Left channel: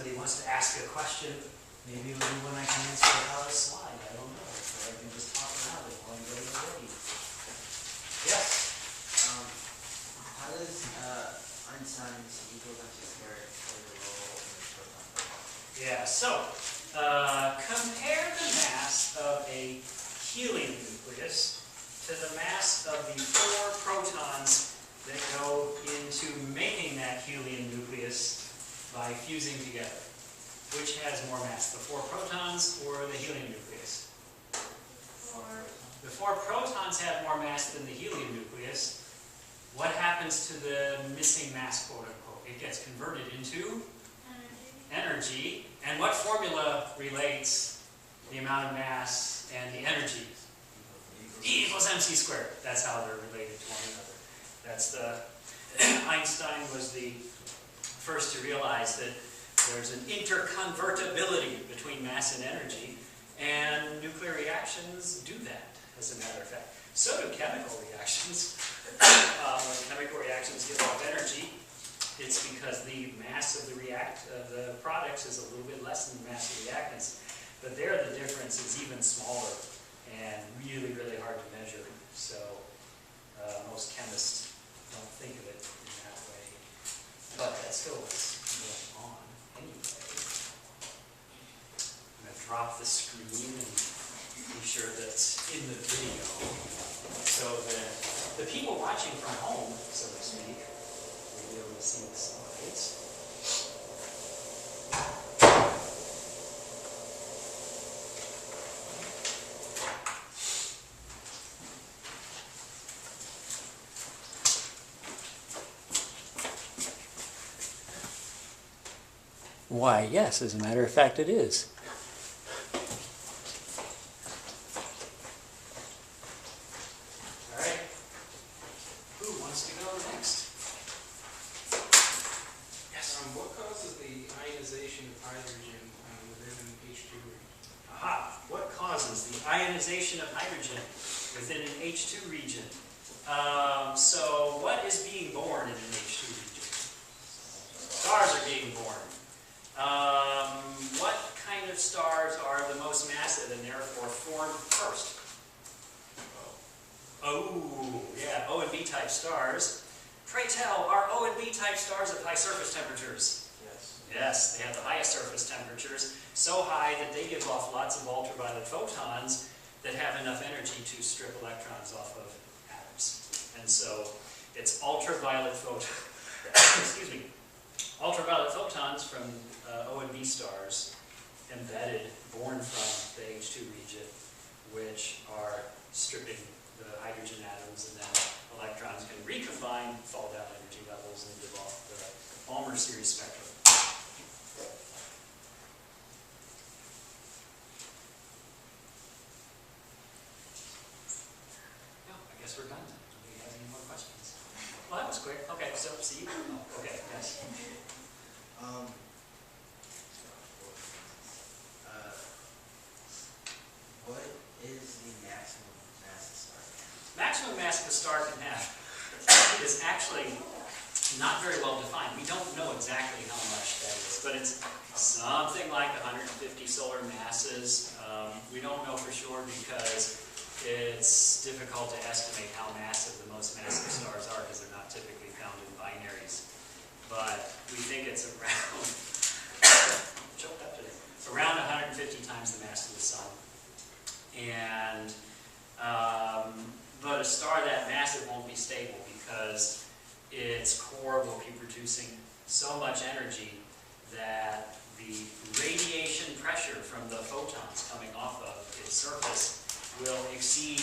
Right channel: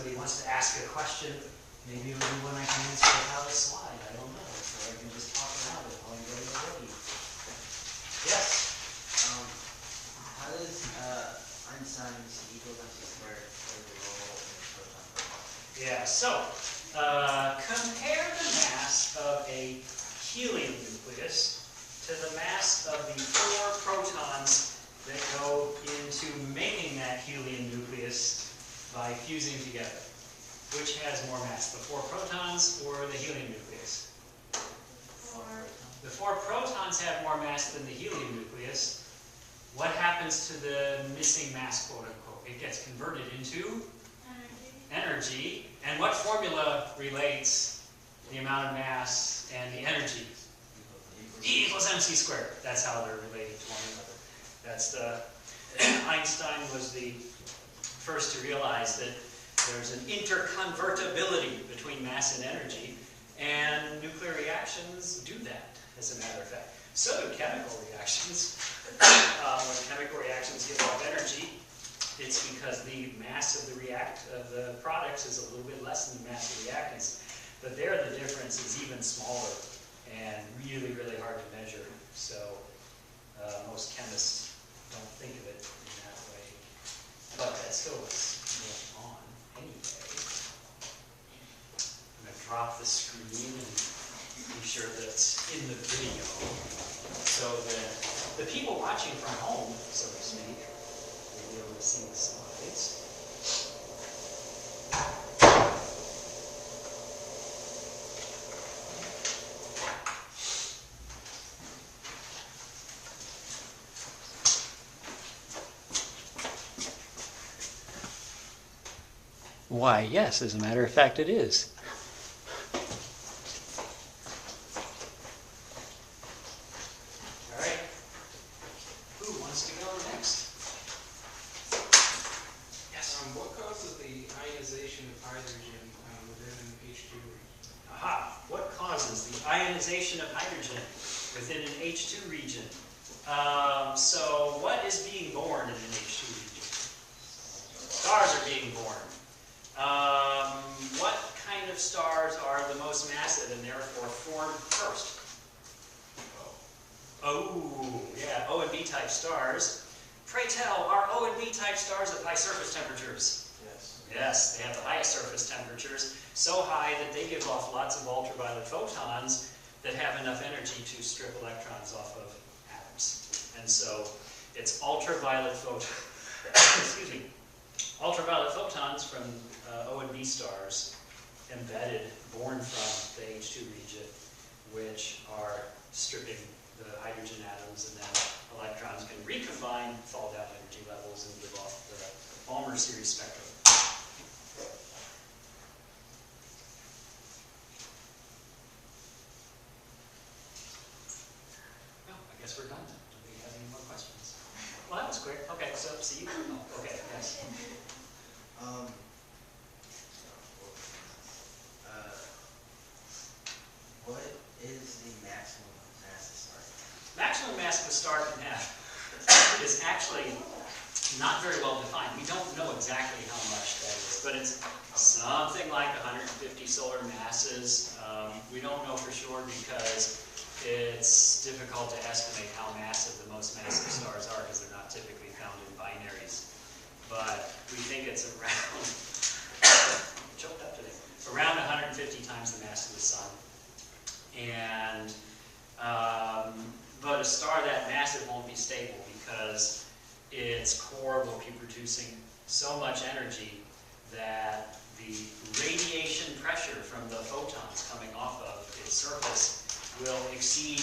somebody wants to ask a question, maybe it'll be one I can answer without a slide. I don't know. Or I can just talk around it while you're getting ready. Yes? How does Einstein's equals MC squared play the role in the proton photon? Yeah, so compare the mass of a helium nucleus to the mass of the 4 protons that go into making that helium nucleus by fusing together. Which has more mass, the 4 protons or the helium nucleus? 4. The 4 protons have more mass than the helium nucleus. What happens to the missing mass, quote unquote? It gets converted into energy. And what formula relates the amount of mass and the energy? E equals mc squared. That's how they're related to one another. That's the Einstein was the first to realize that there's an interconvertibility between mass and energy, and nuclear reactions do that, as a matter of fact. So do chemical reactions. When chemical reactions give off energy, it's because the mass of the products is a little bit less than the mass of the reactants. But there the difference is even smaller and really, really hard to measure. So most chemists don't think of it in that way. But that's still what's going on anyway. I'm going to drop the screen and be sure that's in the video. So the people watching from home, so to speak, will be able to see the slides. Why, yes, as a matter of fact, it is. All right. Who wants to go next? Yes. What causes the ionization of hydrogen within an H2 region? Aha. What causes the ionization of hydrogen within an H2 region? So what is being born in an H2 region? Stars are being born. What kind of stars are the most massive and therefore formed first? Oh, yeah, O and B type stars. Pray tell, are O and B type stars of high surface temperatures? Yes. Yes, they have the highest surface temperatures, so high that they give off lots of ultraviolet photons that have enough energy to strip electrons off of atoms. And so it's ultraviolet excuse me, ultraviolet photons from O and B stars embedded, born from the H2 region, which are stripping the hydrogen atoms, and then electrons can recombine, fall down energy levels, and give off the Balmer series spectrum. Oh, I guess we're done then. Nobody has any more questions? Well, that was quick. Okay, so see you. Oh, okay, yes. What is the maximum mass a star can have? Maximum mass the star can have is actually not very well defined. We don't know exactly how much that is, but it's something like 150 solar masses. We don't know for sure because it's difficult to estimate how massive the most massive stars are because they're not typically found in binaries. But we think it's around, choked up today, around 150 times the mass of the sun. And but a star that massive won't be stable because its core will be producing so much energy that the radiation pressure from the photons coming off of its surface will exceed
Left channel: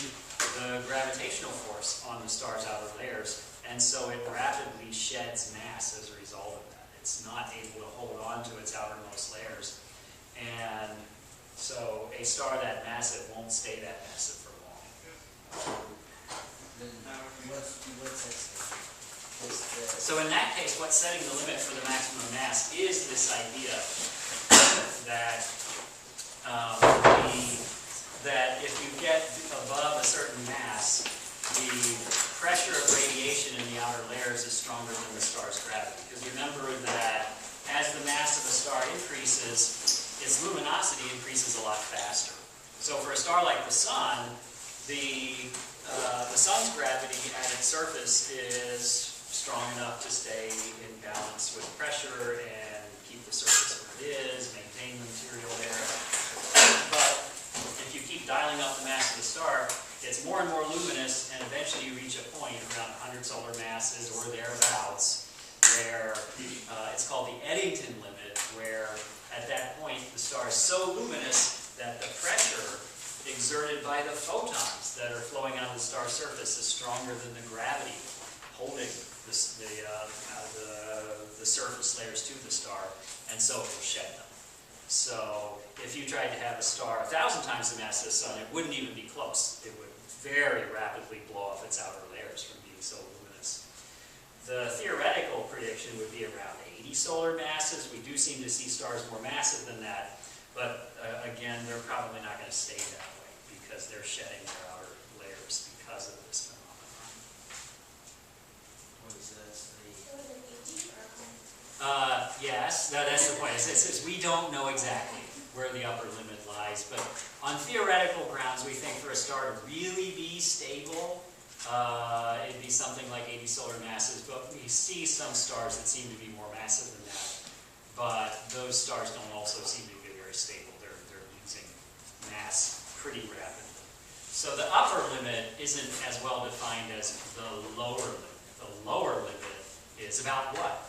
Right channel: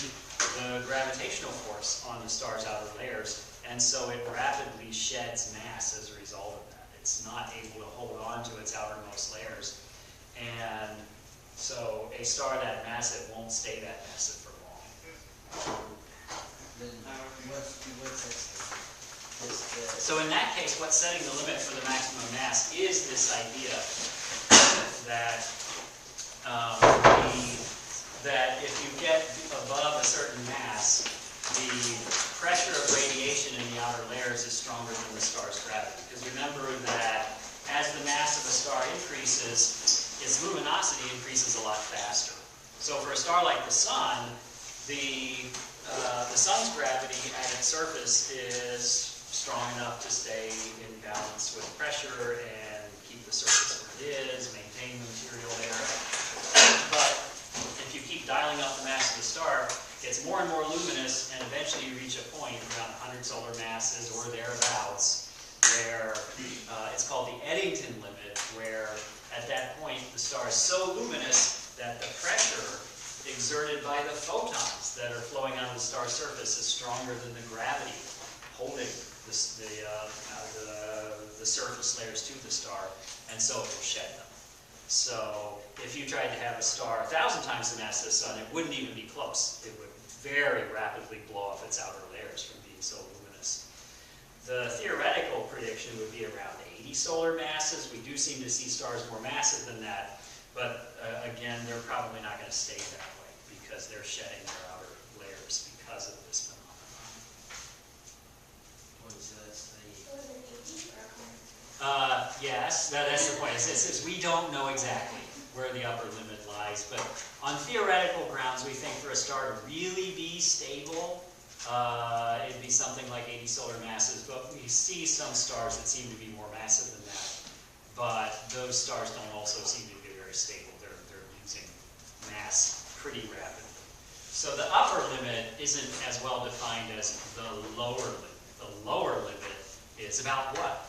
the gravitational force on the star's outer layers, and so it rapidly sheds mass as a result of that. It's not able to hold on to its outermost layers, and so a star that massive won't stay that massive for long. Then what's that? So in that case, what's setting the limit for the maximum mass is this idea that that if you get above a certain mass, the pressure of radiation in the outer layers is stronger than the star's gravity. Because remember that as the mass of a star increases, So for a star like the Sun, the Sun's gravity at its surface is strong enough to stay in balance with pressure and keep the surface where it is, maintain the material there. But if you keep dialing up the mass of the star, it gets more and more luminous, and eventually you reach a point around 100 solar masses or thereabouts, where it's called the Eddington limit, where at that point the star is so luminous that the pressure exerted by the photons that are flowing on the star's surface is stronger than the gravity holding the surface layers to the star, and so it will shed them. So if you tried to have a star 1,000 times the mass of the Sun, it wouldn't even be close. It would very rapidly blow off its outer layers from being so luminous. The theoretical prediction would be around 80 solar masses. We do seem to see stars more massive than that, but again, they're probably not going to stay that way because they're shedding their outer layers because of this phenomenon. So that's the... Yes, that's the point. It's we don't know exactly where the upper limit lies, but on theoretical grounds, we think for a star to really be stable, it'd be something like 80 solar masses, but we see some stars that seem to be more massive than that, but those stars don't also seem to be very stable. They're losing mass pretty rapidly. So the upper limit isn't as well defined as the lower limit. The lower limit is about what?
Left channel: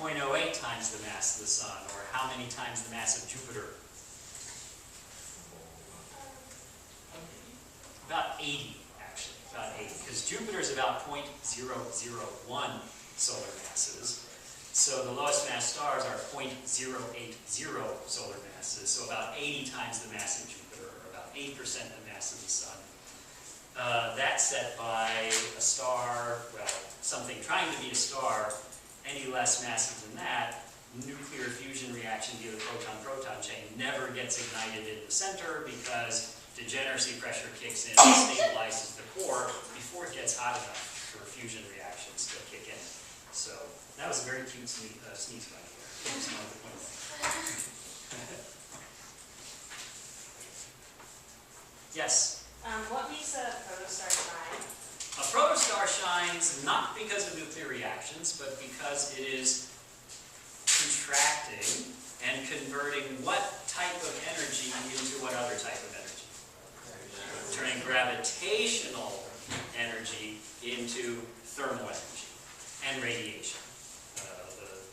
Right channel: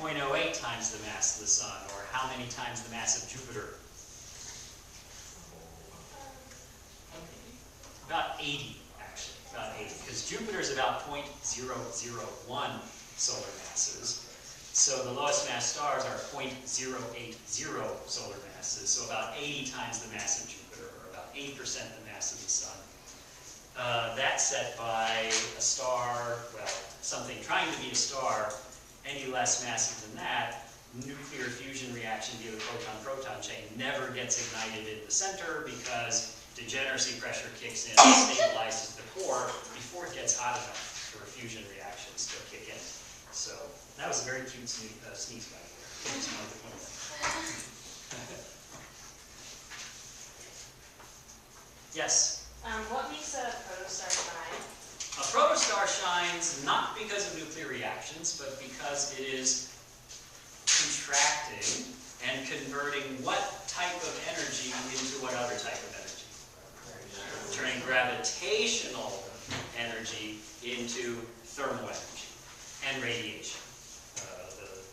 0.08 times the mass of the Sun, or how many times the mass of Jupiter? About 80, actually. About 80, because Jupiter is about 0.001 solar masses. So the lowest mass stars are 0.080 solar masses, so about 80 times the mass of Jupiter, or about 80% the mass of the Sun. That's set by a star, well, something trying to be a star, any less massive than that, nuclear fusion reaction via the proton-proton chain never gets ignited in the center because degeneracy pressure kicks in and stabilizes the core before it gets hot enough for fusion reactions to kick in. So that was a very cute sneeze by there. Yes? What makes a protostar shine? A protostar shines not because of nuclear reactions, but because it is contracting and converting what type of energy into what other type of energy? Turning gravitational energy into thermal energy and radiation.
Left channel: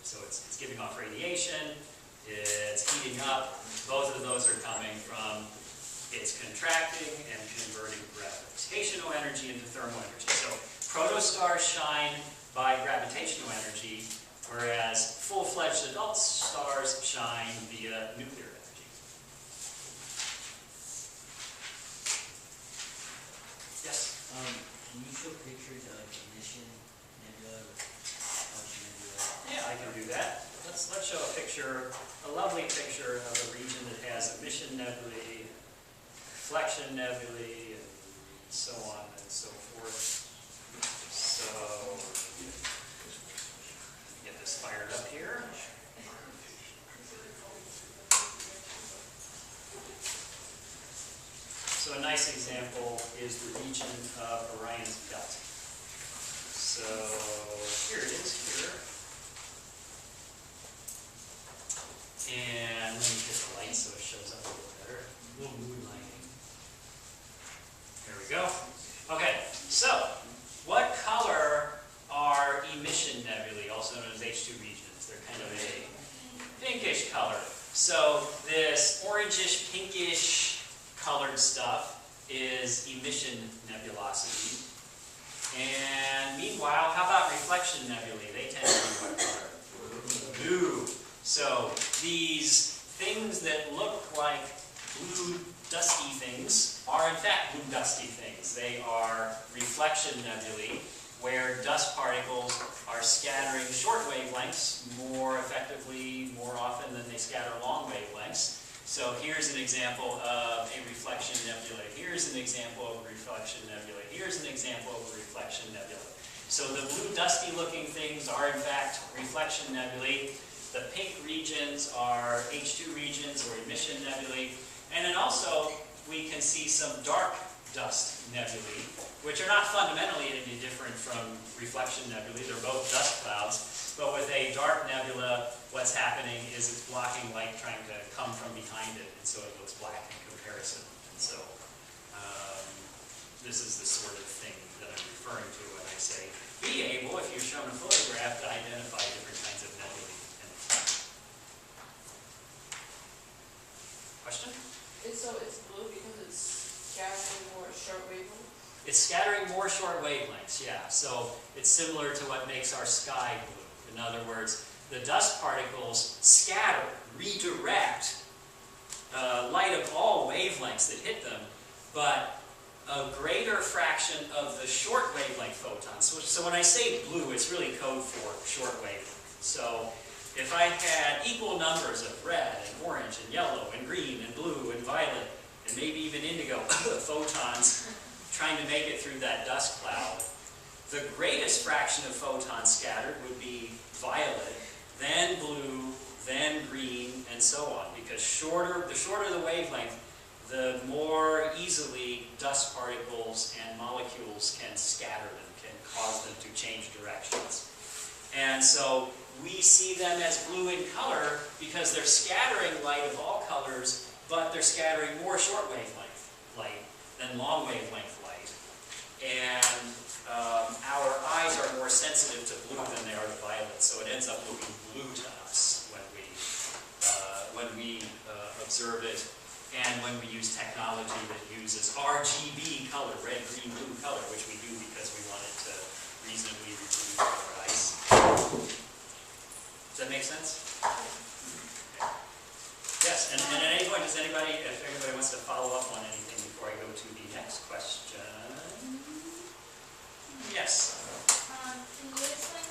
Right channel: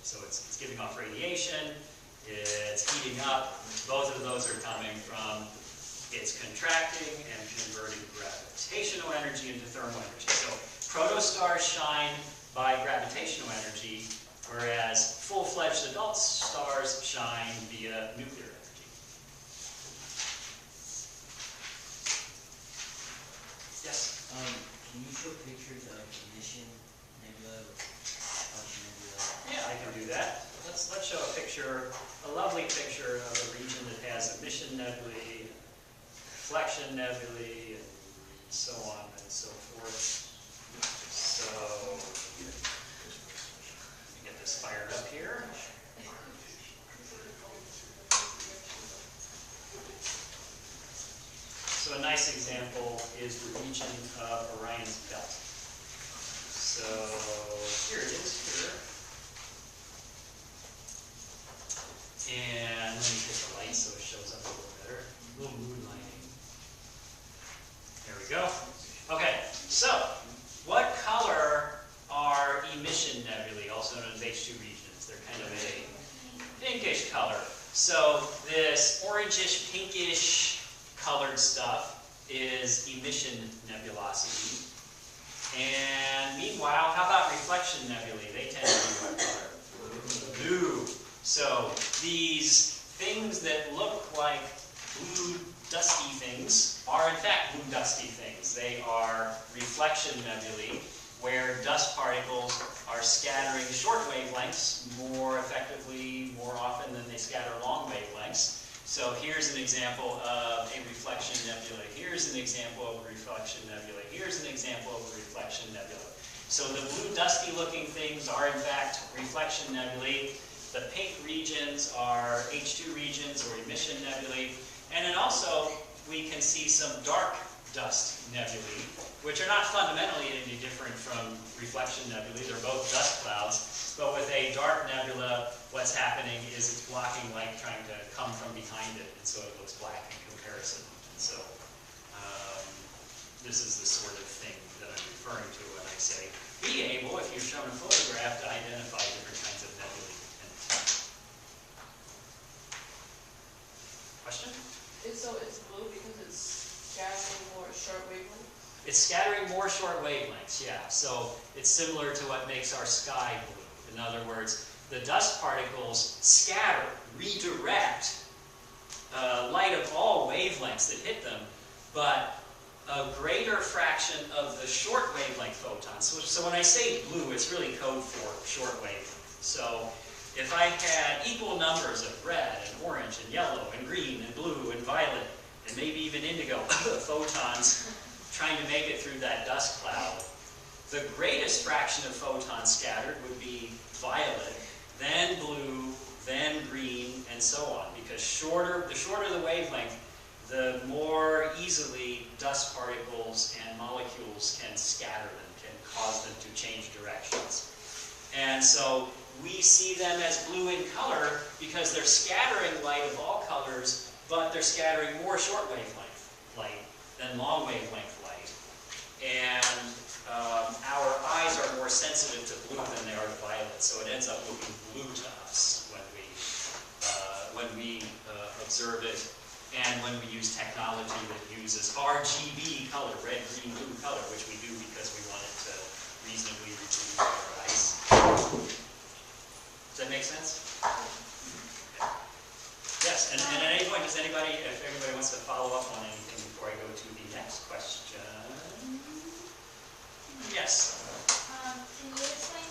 So it's giving off radiation, it's heating up. Both of those are coming from it's contracting and converting gravitational energy into thermal energy. So protostars shine by gravitational energy, whereas full-fledged adult stars shine via nuclear energy. Yes? Can you show pictures of emission nebula, function nebula? Yeah, I can do that. Let's show a picture, a lovely picture of a region that has emission nebulae, reflection nebulae, and so on and so forth. So, let me get this fired up here. So a nice example is the region of Orion's belt. So here it is here. And let me hit the light so it shows up a little better. A little moonlighting. There we go. Okay, so what color are emission nebulae, also known as H2 regions? They're kind of a pinkish color. So this orangish, pinkish colored stuff is emission nebulosity. And meanwhile, how about reflection nebulae? They tend to be what color? Blue. So these things that look like blue dusty things are in fact blue dusty things. They are reflection nebulae, where dust particles are scattering short wavelengths more effectively, more often than they scatter long wavelengths. So here's an example of a reflection nebula. Here's an example of a reflection nebula. Here's an example of a reflection nebula. So the blue dusty looking things are in fact reflection nebulae. The pink regions are H2 regions or emission nebulae. And then also, we can see some dark dust nebulae, which are not fundamentally any different from reflection nebulae. They're both dust clouds. But with a dark nebula, what's happening is it's blocking light trying to come from behind it, and so it looks black in comparison. And so this is the sort of thing that I'm referring to when I say be able, if you're shown a photograph, to identify different kinds of nebulae in the time. Question? So it's blue because it's scattering more short wavelengths? It's scattering more short wavelengths, yeah. So it's similar to what makes our sky blue. In other words, the dust particles scatter, redirect light of all wavelengths that hit them, but a greater fraction of the short wavelength photons. So when I say blue, it's really code for short wavelength. So if I had equal numbers of red and orange and yellow and green and blue and violet and maybe even indigo photons trying to make it through that dust cloud, the greatest fraction of photons scattered would be violet, then blue, then green, and so on. Because the shorter the wavelength, the more easily dust particles and molecules can scatter them, can cause them to change directions. And so we see them as blue in color because they're scattering light of all colors, but they're scattering more short wavelength light than long wavelength light. And our eyes are more sensitive to blue than they are to violet, so it ends up looking blue to us when we observe it, and when we use technology that uses RGB color, red, green, blue color, which we do because we want it to reasonably reproduce our eyes. Does that make sense? Yes, and at any point, does anybody, if anybody wants to follow up on anything before I go to the next question? Yes. Can you explain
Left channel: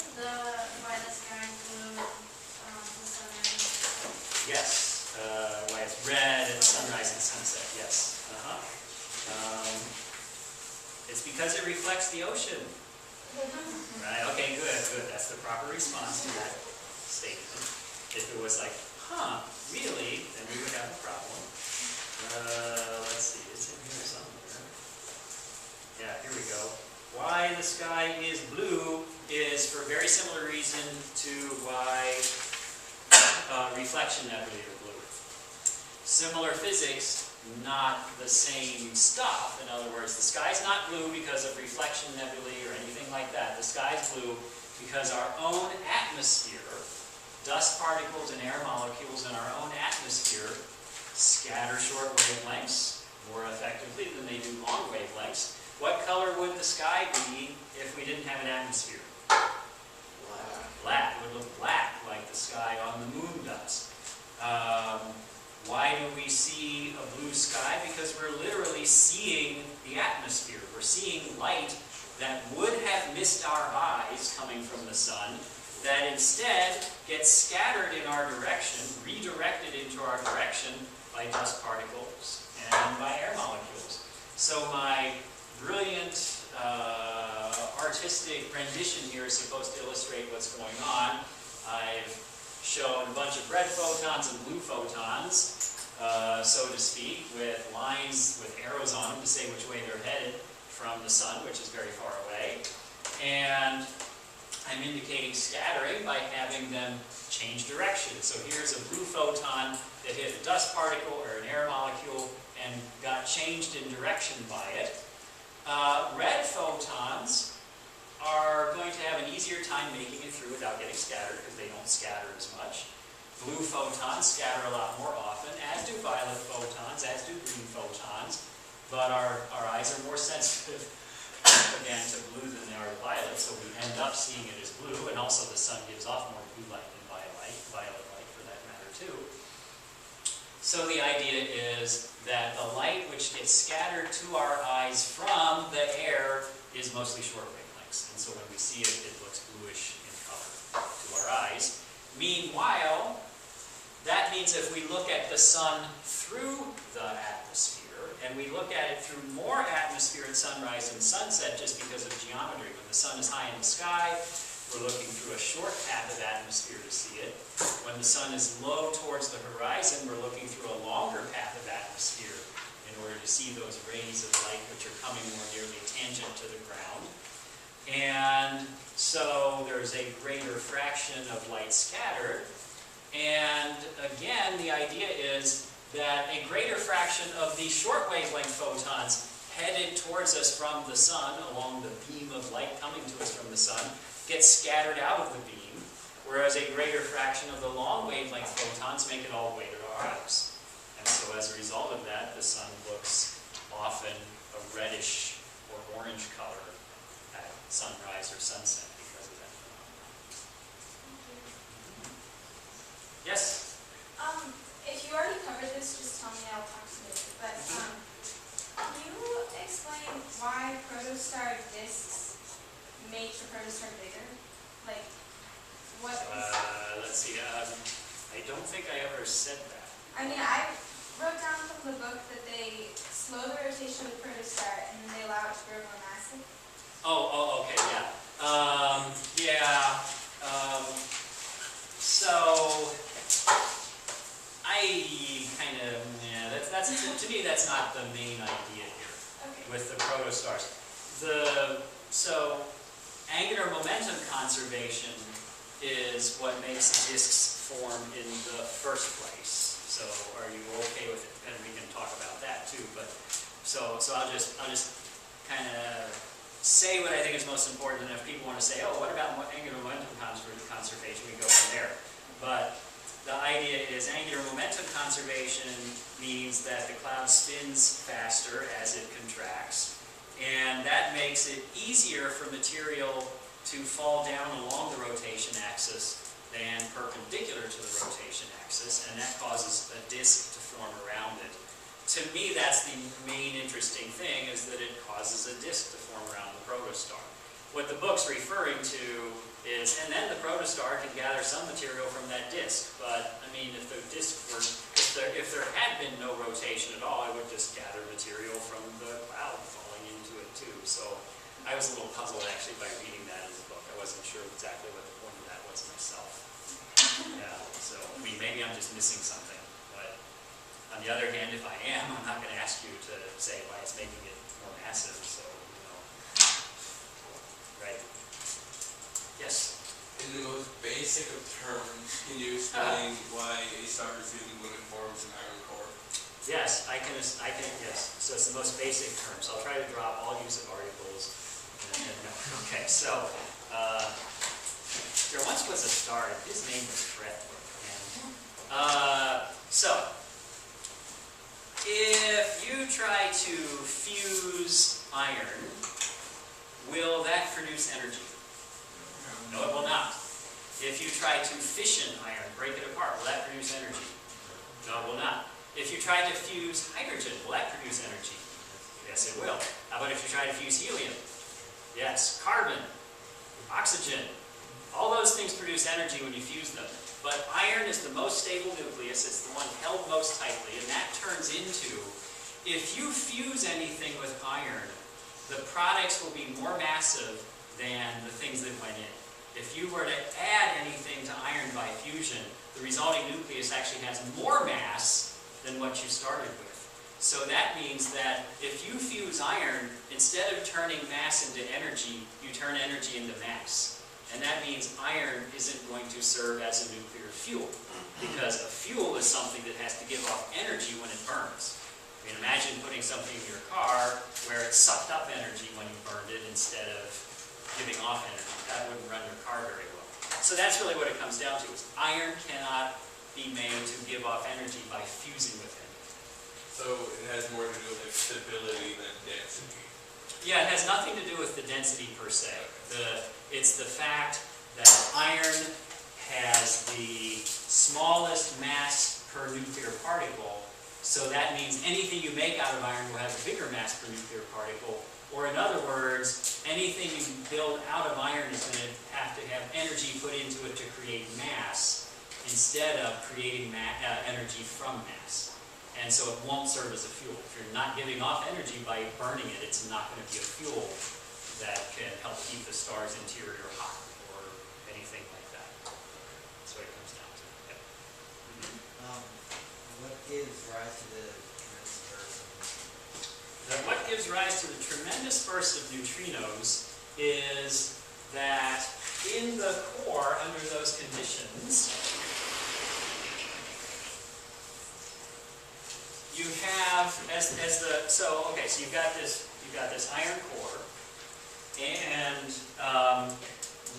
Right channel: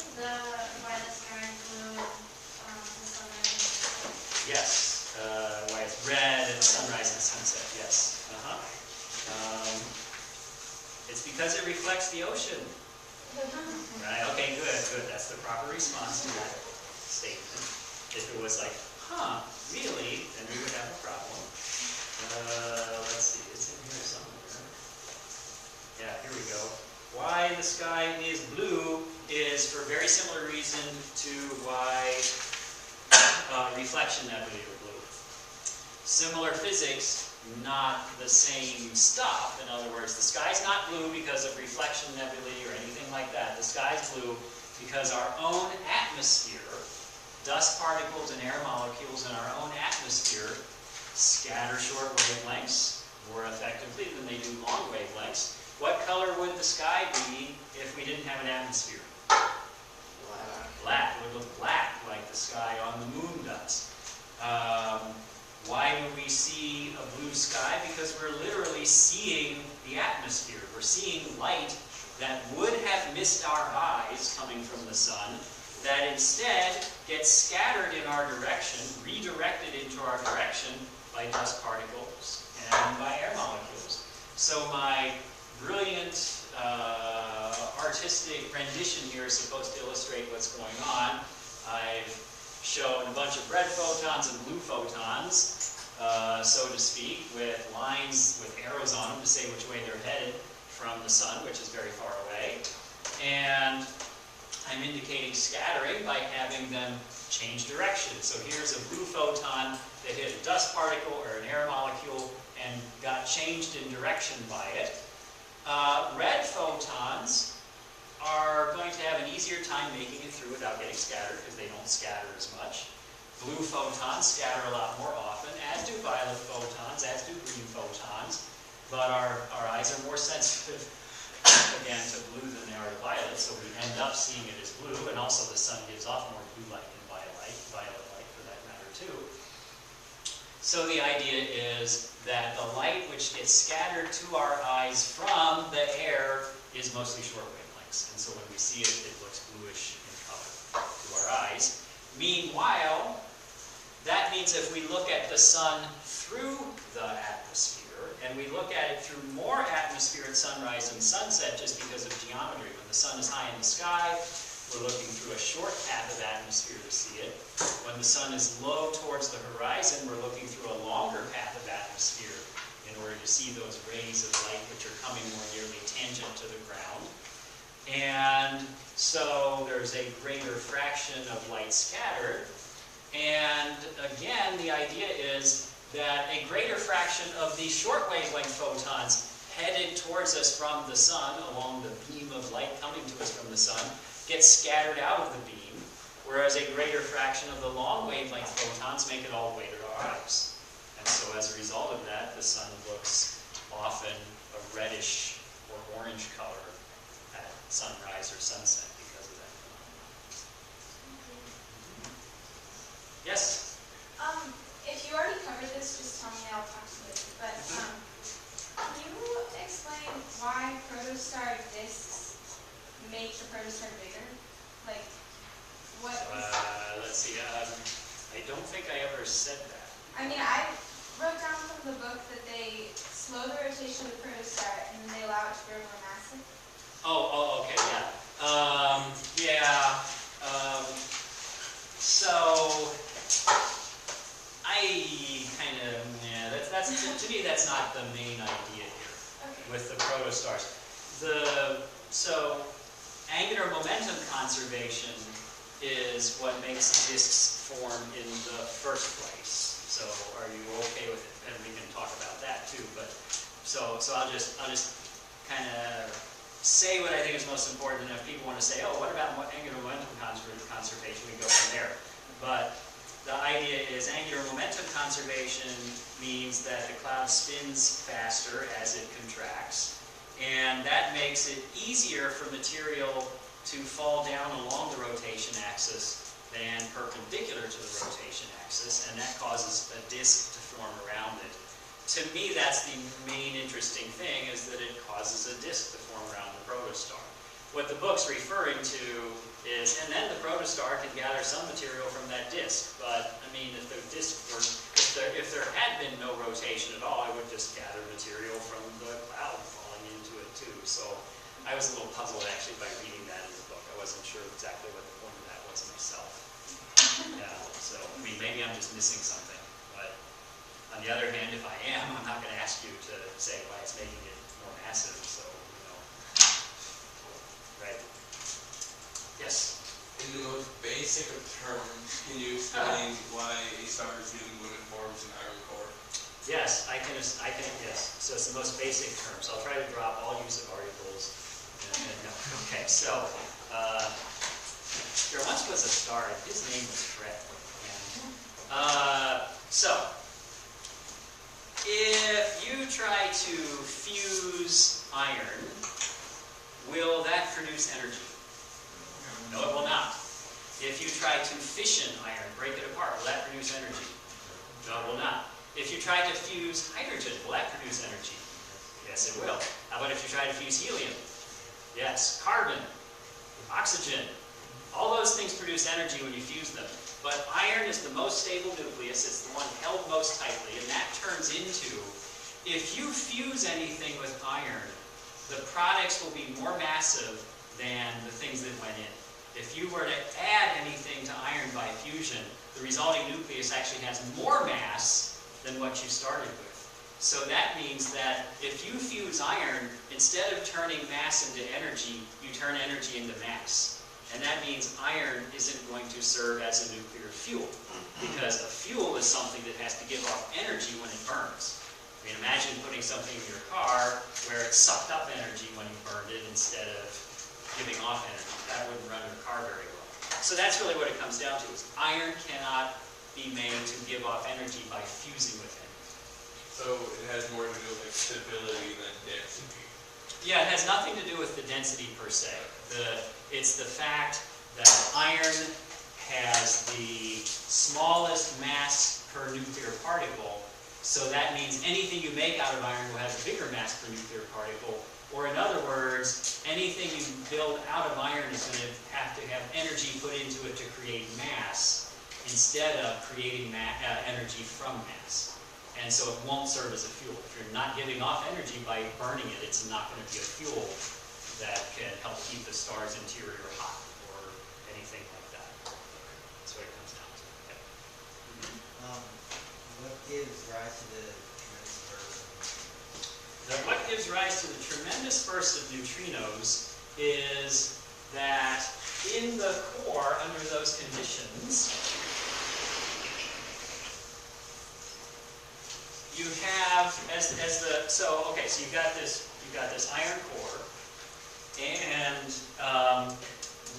why the sky is blue, the sunrise? Yes. Why it's red at sunrise and sunset. Yes. It's because it reflects the ocean. Right? Okay, good. That's the proper response to that statement. If it was like, huh, really, then we would have a problem. Let's see, it's in here somewhere. Yeah, here we go. Why the sky is blue is for a very similar reason to why reflection nebulae are blue. Similar physics, not the same stuff. In other words, the sky's not blue because of reflection nebulae or anything like that. The sky's blue because our own atmosphere, dust particles and air molecules in our own atmosphere, scatter short wavelengths more effectively than they do long wavelengths. What color would the sky be if we didn't have an atmosphere? Black. It would look black like the sky on the moon does. Why do we see a blue sky? Because we're literally seeing the atmosphere. We're seeing light that would have missed our eyes coming from the sun, that instead gets scattered in our direction, redirected into our direction by dust particles and by air molecules. So my brilliant artistic rendition here is supposed to illustrate what's going on. I've shown a bunch of red photons and blue photons, so to speak, with lines with arrows on them to say which way they're headed from the sun, which is very far away. And I'm indicating scattering by having them change direction. So here's a blue photon that hit a dust particle or an air molecule and got changed in direction by it. Red photons are going to have an easier time making it through without getting scattered because they don't scatter as much. Blue photons scatter a lot more often, as do violet photons, as do green photons, but our eyes are more sensitive, again, to blue than they are to violet, so we end up seeing it as blue, and also the sun gives off more blue light than violet light for that matter too. So the idea is that the light which gets scattered to our eyes from the air is mostly short wavelengths. And so when we see it, it looks bluish in color to our eyes. Meanwhile, that means if we look at the sun through the atmosphere, and we look at it through more atmosphere at sunrise and sunset just because of geometry. When the sun is high in the sky, we're looking through a short path of atmosphere to see it. when the sun is low towards the horizon, we're looking through a longer path of atmosphere in order to see those rays of light which are coming more nearly tangent to the ground. And so there's a greater fraction of light scattered. And again, the idea is that a greater fraction of these short wavelength photons headed towards us from the sun, along the beam of light coming to us from the sun, gets scattered out of the beam, whereas a greater fraction of the long wavelength photons make it all the way to our eyes. And so as a result of that, the sun looks often a reddish or orange color at sunrise or sunset because of that phenomenon. Yes? If you already covered this, just tell me, I'll approximate it. But can you explain why protostar disks make the protostar bigger? Like, what is... Let's see. I don't think I ever said that. I mean, I wrote down from the book that they slow the rotation of the protostar and then they allow it to grow more massive. Okay, yeah. So I kind of, that's to me that's not the main idea here Okay. with the protostars. So angular momentum conservation is what makes disks form in the first place. So are you okay with it? And we can talk about that too. But so I'll just kind of say what I think is most important, and if people want to say, oh, what about angular momentum conservation, we go from there. But the idea is angular momentum conservation means that the cloud spins faster as it contracts, and that makes it easier for material to fall down along the rotation axis than perpendicular to the rotation axis, and that causes a disk to form around it. To me, that's the main interesting thing, is that it causes a disk to form around the protostar. What the book's referring to is, and then the protostar can gather some material from that disk. But I mean, if the disk were, if there had been no rotation at all, I would just gather material from the cloud falling into it too. So I was a little puzzled actually by reading that in the book. I wasn't sure exactly what the point of that was myself. Yeah. So I mean, maybe I'm just missing something. But on the other hand, if I am, I'm not going to ask you to say why it's making it more massive. So right. Yes? In the most basic of terms, can you explain why ASTR is giving women forms in iron core? Yes, I can, yes. So it's the most basic terms. I'll try to drop all use of articles. No. Okay, so, there once was a star, his name was Fred. So, if you try to fuse iron, will that produce energy? No, it will not. If you try to fission iron, break it apart, will that produce energy? No, it will not. If you try to fuse hydrogen, will that produce energy? Yes, it will. How about if you try to fuse helium? Yes. Carbon, oxygen, all those things produce energy when you fuse them. But iron is the most stable nucleus, it's the one held most tightly, and that turns into, if you fuse anything with iron, the products will be more massive than the things that went in. If you were to add anything to iron by fusion, the resulting nucleus actually has more mass than what you started with. So that means that if you fuse iron, instead of turning mass into energy, you turn energy into mass. And that means iron isn't going to serve as a nuclear fuel, because a fuel is something that has to give off energy when it burns. I mean, imagine putting something in your car where it sucked up energy when you burned it instead of giving off energy. That wouldn't run your car very well. So that's really what it comes down to, is iron cannot be made to give off energy by fusing with it. So it has more to do with stability than density. Yeah, it has nothing to do with the density per se. It's the fact that iron has the smallest mass per nuclear particle, so that means anything you make out of iron will have a bigger mass per nuclear particle. Or in other words, anything you build out of iron is going to have energy put into it to create mass, instead of creating energy from mass. And so it won't serve as a fuel. If you're not giving off energy by burning it, it's not going to be a fuel that can help keep the star's interior hot or anything like that. That's what it comes down to. Yep. gives rise to the tremendous burst of neutrinos? What gives rise to the tremendous burst of neutrinos is that in the core, under those conditions, you have so you've got this iron core, and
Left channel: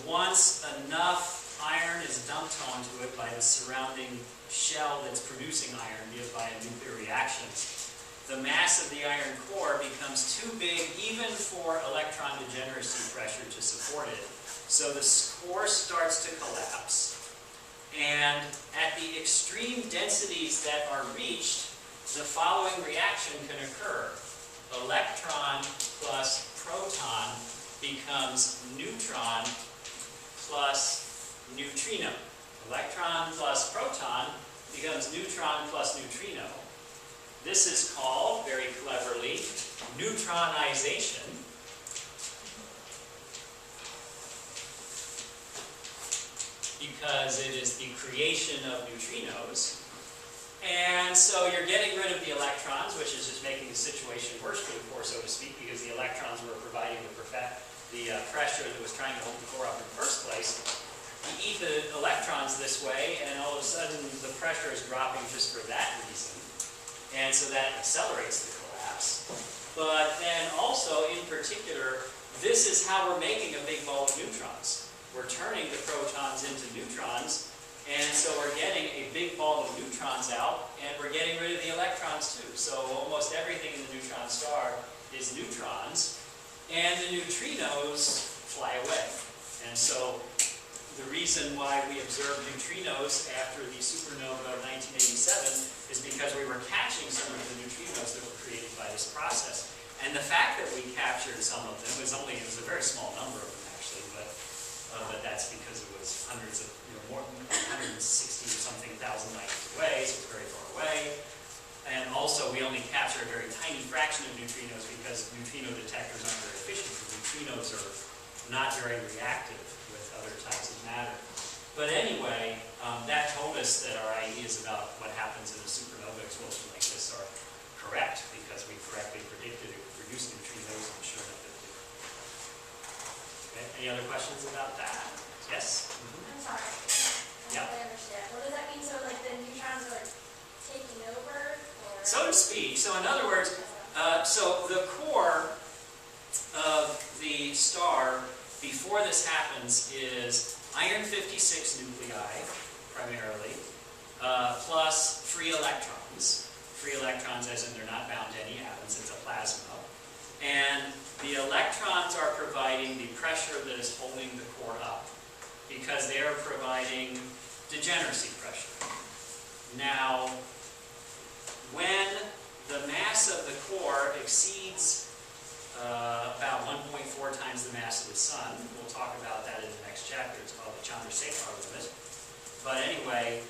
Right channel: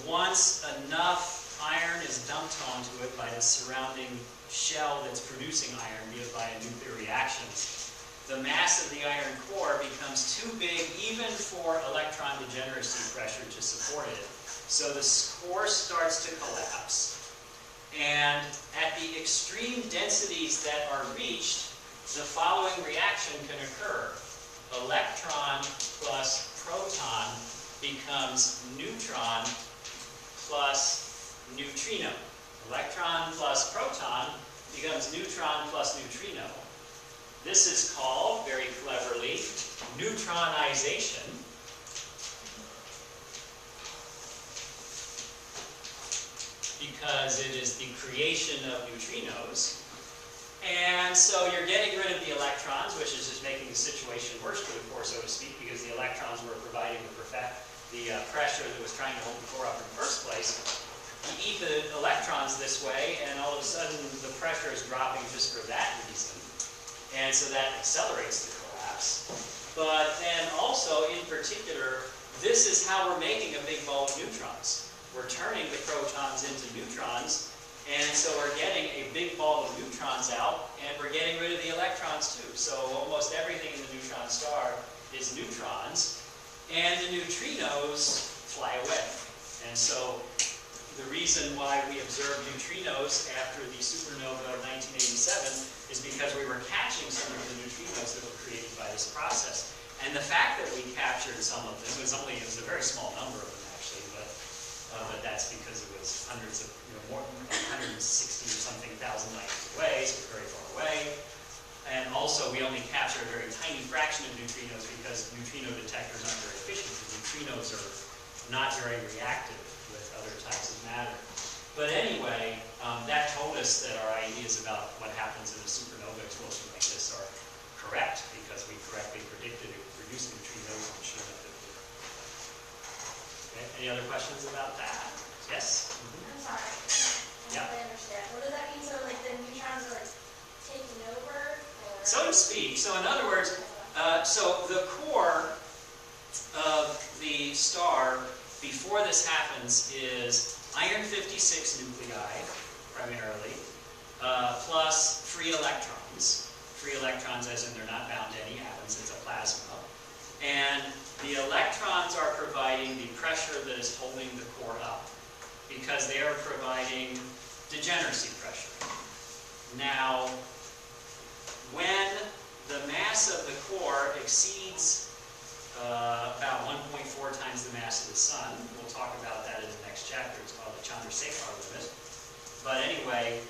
once enough iron is dumped onto it by the surrounding shell that's producing iron, be it by a nuclear reaction, the mass of the iron core becomes too big even for electron degeneracy pressure to support it. So the core starts to collapse, and at the extreme densities that are reached, the following reaction can occur. Electron plus proton becomes neutron plus neutrino. Electron plus proton becomes neutron plus neutrino. This is called, very cleverly, neutronization. Because it is the creation of neutrinos. And so you're getting rid of the electrons, which is just making the situation worse for the core, so to speak, because the electrons were providing the pressure that was trying to hold the core up in the first place. You eat the electrons this way, and all of a sudden the pressure is dropping just for that reason. And so that accelerates the collapse. But then also, in particular, this is how we're making a big ball of neutrons. We're turning the protons into neutrons, and so we're getting a big ball of neutrons out, and we're getting rid of the electrons too. So almost everything in the neutron star is neutrons, and the neutrinos fly away. And so the reason why we observed neutrinos after the supernova of 1987 is because we were catching some of the neutrinos that were created by this process. And the fact that we captured some of them was a very small number of them actually, but that's because it was hundreds of, more than 160 or something thousand light years away, so it's very far away. And also, we only capture a very tiny fraction of neutrinos because neutrino detectors aren't very efficient. The neutrinos are not very reactive with other types of matter. But anyway, that told us that our ideas about what happens in a supernova explosion like this are correct, because we correctly predicted it would produce neutrinos, and sure enough it did. Okay, any other questions about that? Yes? I'm sorry. I Yeah. don't really understand. What does that mean? So, like, the neutrons are, like, taking over? Or... So to speak. So in other words, so the core of the star, before this happens, is iron-56 nuclei, primarily, plus free electrons. Free electrons as in they're not bound to any atoms, it's a plasma. And the electrons are providing the pressure that is holding the core up, because they are providing degeneracy pressure. Now, when the mass of the core exceeds about 1.4 times the mass of the sun, we'll talk about that in the next chapter, it's called the Chandrasekhar limit. But anyway,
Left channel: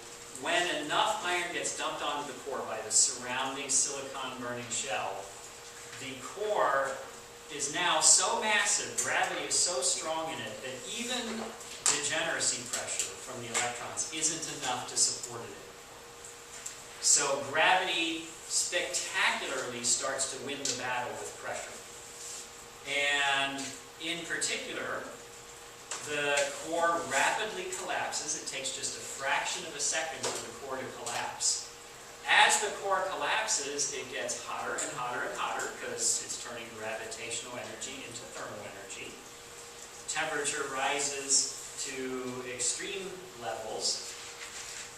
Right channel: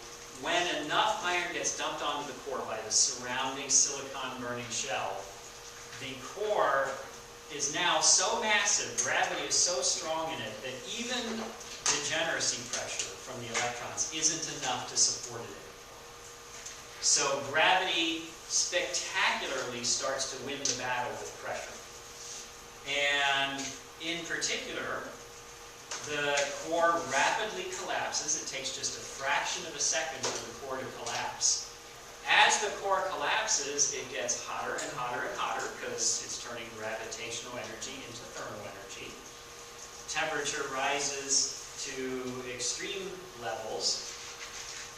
when enough iron gets dumped onto the core by the surrounding silicon-burning shell, the core is now so massive, gravity is so strong in it, that even degeneracy pressure from the electrons isn't enough to support it anymore. So gravity spectacularly starts to win the battle with pressure. And in particular, the core rapidly collapses. It takes just a fraction of a second for the core to collapse. As the core collapses, it gets hotter and hotter and hotter because it's turning gravitational energy into thermal energy. Temperature rises to extreme levels,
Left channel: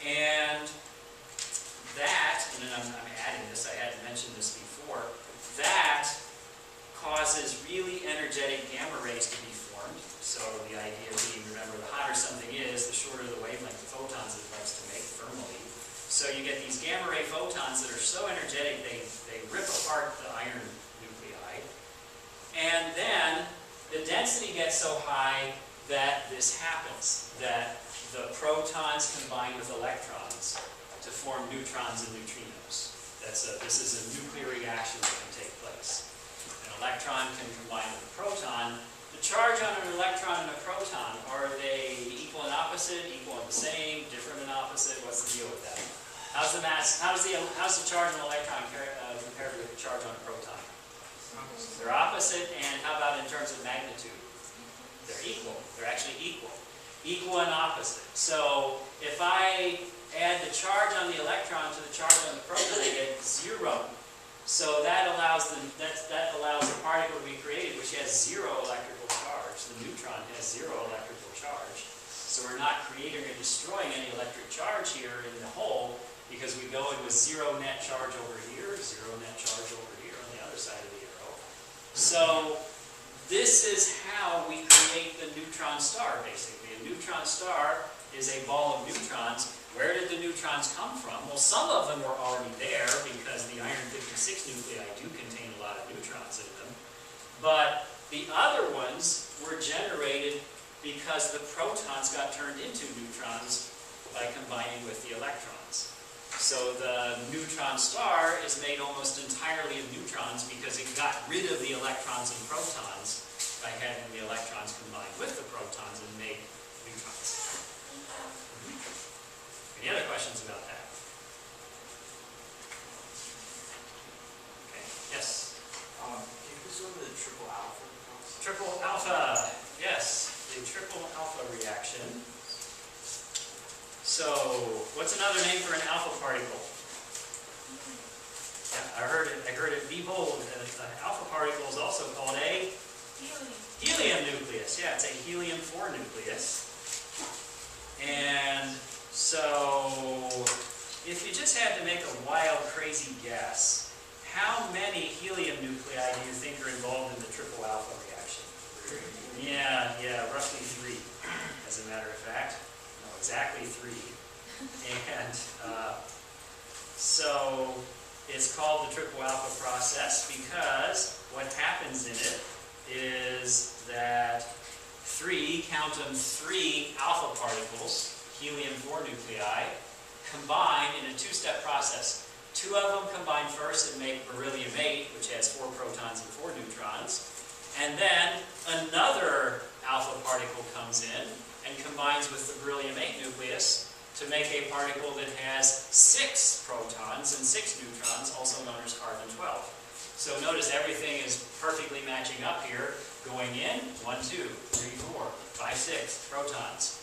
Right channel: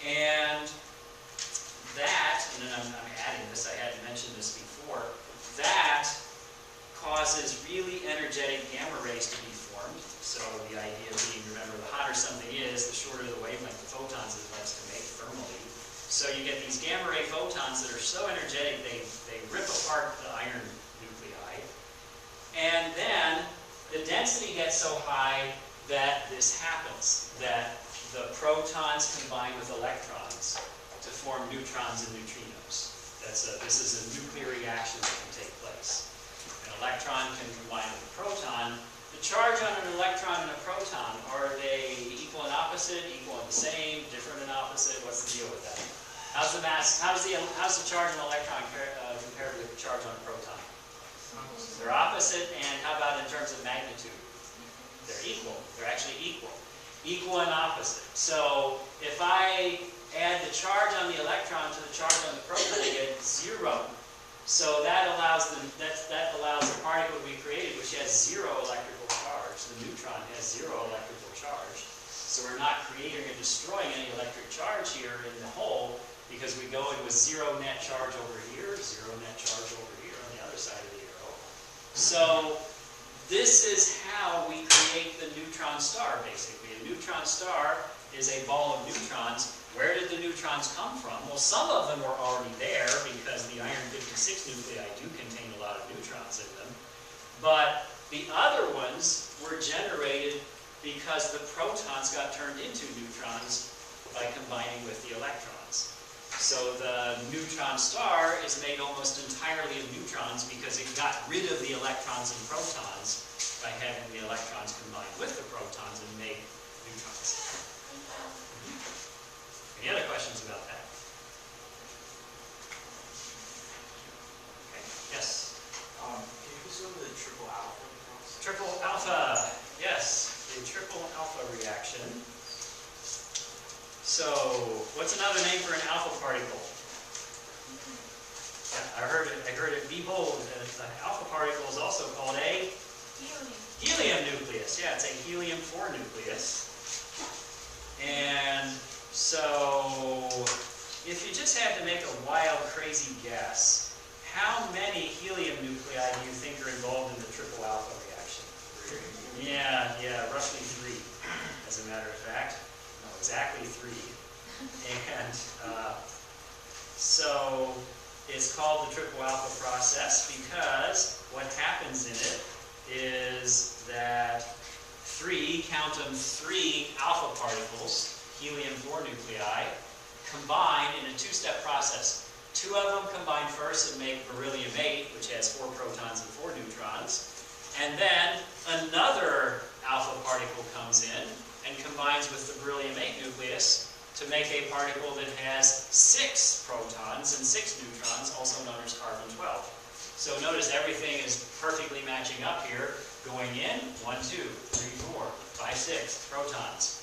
and that, and then I'm adding this, I hadn't mentioned this before, that causes really energetic gamma rays to be formed. So the idea being, remember, the hotter something is, the shorter the wavelength of photons it likes to make thermally. So you get these gamma ray photons that are so energetic they rip apart the iron nuclei. And then the density gets so high that this happens, that the protons combine with electrons to form neutrons and neutrinos. This is a nuclear reaction that can take place. An electron can combine with a proton. The charge on an electron and a proton, are they equal and opposite, equal and the same, different and opposite? What's the deal with that? How's How's the charge on an electron compared with the charge on a proton? They're opposite, and how about in terms of magnitude? They're equal. They're actually equal. Equal and opposite. So if I add the charge on the electron to the charge on the proton, I get 0. So that allows the particle to be created which has 0 electrical charge. The neutron has 0 electrical charge. So we're not creating or destroying any electric charge here in the hole, because we go in with 0 net charge over here, 0 net charge over here on the other side of the arrow. So this is how we create the neutron star, basically. A neutron star is a ball of neutrons. Where did the neutrons come from? Well, some of them were already there because the iron-56 nuclei do contain a lot of neutrons in them. But the other ones were generated because the protons got turned into neutrons by combining with the electrons. So the neutron star is made almost entirely of neutrons because it got rid of the electrons and protons by having the electrons combined with the protons and make neutrons. Any other questions about that? Okay, yes? Can you go to the triple alpha? Triple alpha, yes, the triple alpha reaction. So, what's another name for an alpha particle? Yeah, I heard it be bold. An alpha particle is also called a helium nucleus. Yeah, it's a helium-4 nucleus. And so, if you just had to make a wild, crazy guess, how many helium nuclei do you think are involved in the triple alpha reaction? Yeah, roughly 3, as a matter of fact. No, exactly 3. And so it's called the triple alpha process because what happens in it is that 3 alpha particles, helium-4 nuclei, combine in a 2-step process. 2 of them combine first and make beryllium-8, which has 4 protons and 4 neutrons. And then another alpha particle comes in and combines with the beryllium-8 nucleus to make a particle that has 6 protons and 6 neutrons, also known as carbon-12. So notice everything is perfectly matching up here. Going in, 1, 2, 3, 4, 5, 6 protons.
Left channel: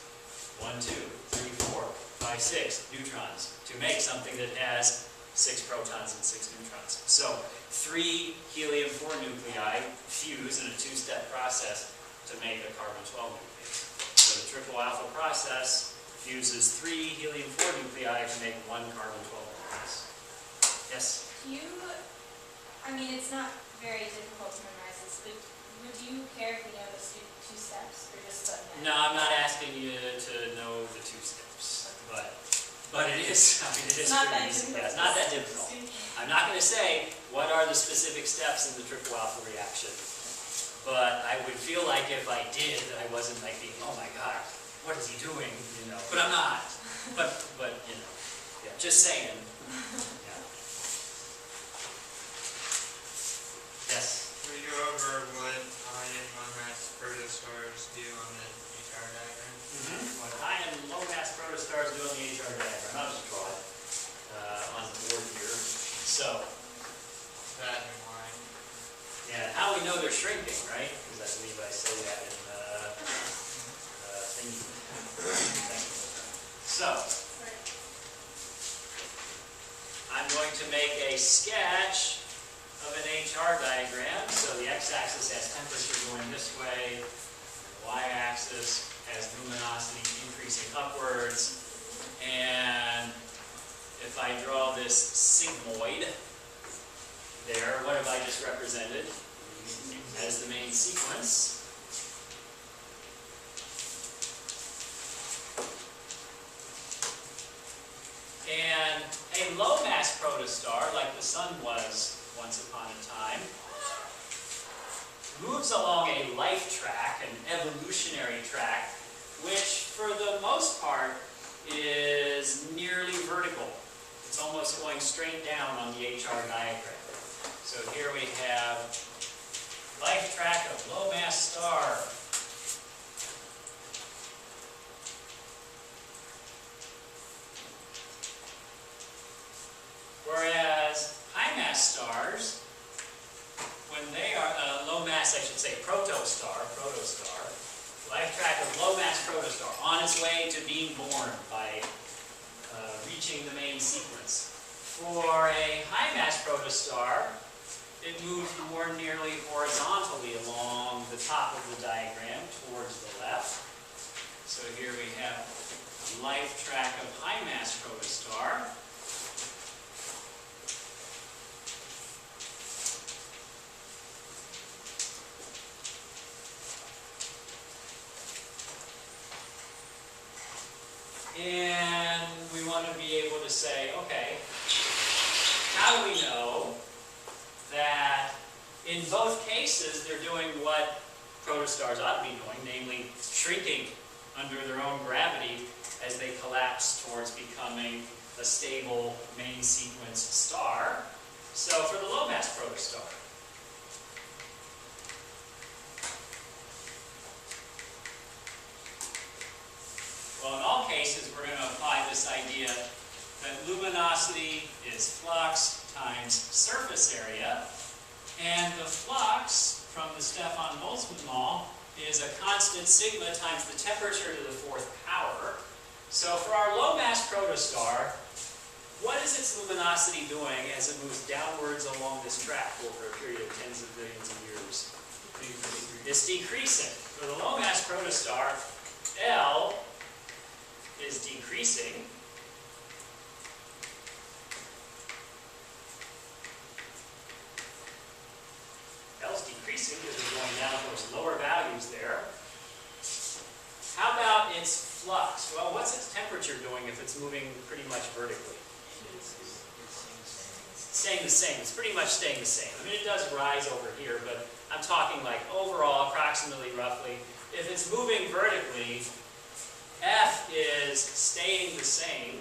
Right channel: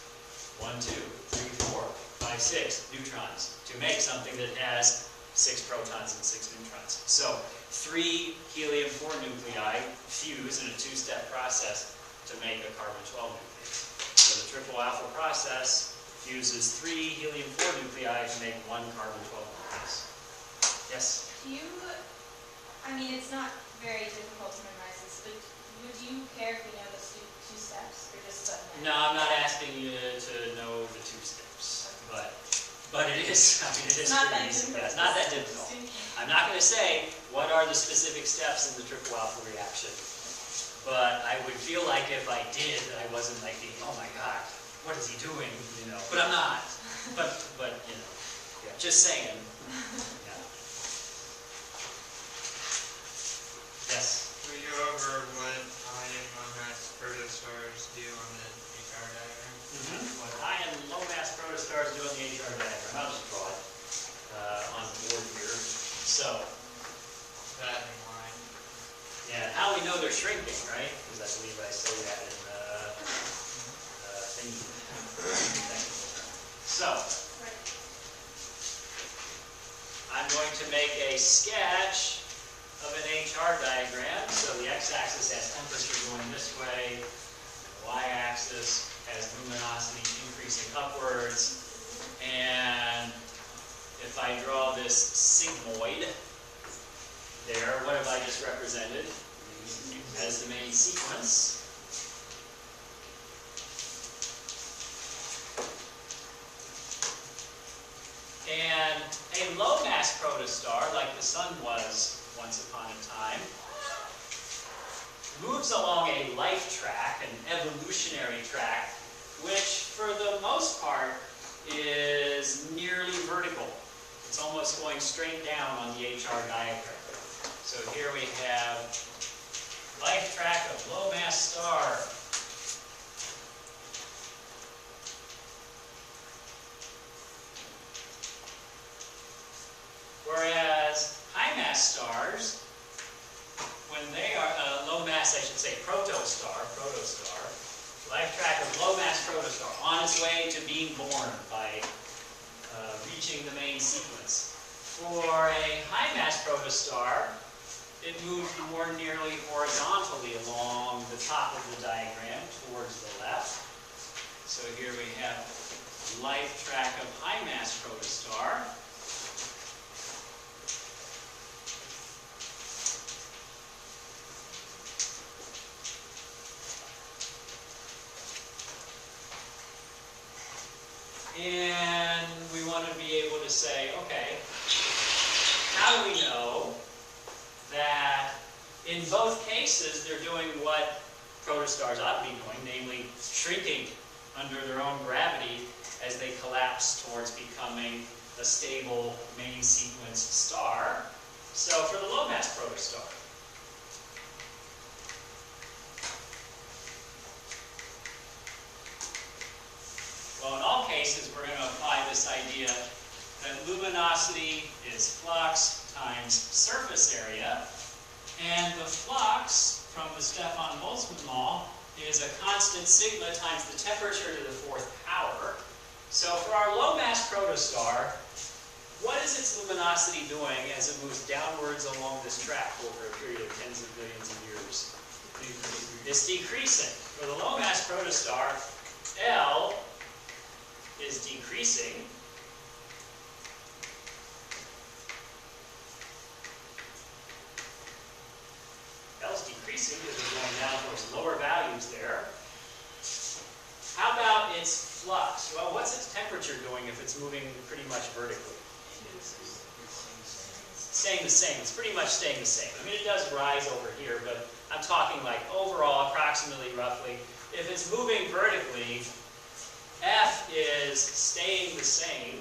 1, 2, 3, 4, 5, 6 neutrons to make something that has 6 protons and 6 neutrons. So 3 helium-4 nuclei fuse in a 2-step process to make a carbon-12 nucleus. So the triple alpha process fuses 3 helium-4 nuclei to make 1 carbon-12 nucleus. Yes? I mean, it's not very difficult to memorize this, but do you care if you know the 2 steps, or just let me know? No, I'm not asking you to know the 2 steps, but it is. I mean, it is Not pretty that easy. difficult. Yeah, it's not that difficult. I'm not going to say what are the specific steps in the triple alpha reaction, but I would feel like if I did, I wasn't like thinking, oh my God, what is he doing? You know, but I'm not. But you know, yeah, just saying. Yeah. Yes. Will you go over what high and low mass protostars do on the HR diagram? What high and low mass protostars do on the HR diagram. I'll just draw it on the board here. So, That and why? yeah, how we know they're shrinking, right? Because I believe I say that in the thingy. So, I'm going to make a sketch of an HR diagram. So the x-axis has temperature going this way, the y-axis has luminosity increasing upwards, and if I draw this sigmoid there, what have I just represented as the main sequence? And a low mass protostar, like the Sun was once upon a time, moves along a life track, an evolutionary track, which for the most part is nearly vertical. It's almost going straight down on the HR diagram. So here we have life track of low mass star. I should say protostar, life track of low mass protostar on its way to being born by reaching the main sequence. For a high mass protostar, it moves more nearly horizontally along the top of the diagram towards the left. So here we have life track of high mass protostar. And we want to be able to say, okay, how do we know that in both cases they're doing what protostars ought to be doing, namely shrinking under their own gravity as they collapse towards becoming a stable main sequence star? So for the low mass protostar, well, in all cases, we're going to apply this idea that luminosity is flux times surface area, and the flux from the Stefan-Boltzmann law is a constant sigma times the temperature to the 4th power. So for our low mass protostar, what is its luminosity doing as it moves downwards along this track over a period of tens of billions of years? It's decreasing. For the low mass protostar, L is decreasing. L's decreasing because we're going down towards lower values there. How about its flux? Well, what's its temperature doing if it's moving pretty much vertically? Staying the same. It's pretty much staying the same. I mean, it does rise over here, but I'm talking like overall, approximately, roughly. If it's moving vertically, F is staying the same.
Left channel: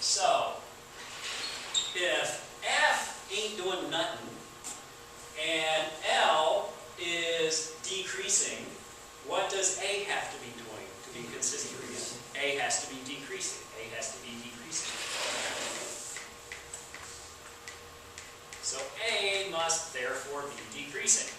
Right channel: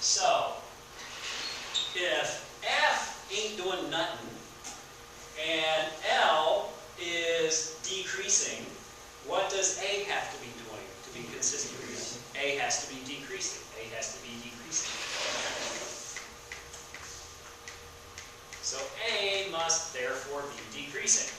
So, if F ain't doing nothing, and L is decreasing, what does A have to be doing to be consistent again? A has to be decreasing. A has to be decreasing. So A must therefore be decreasing.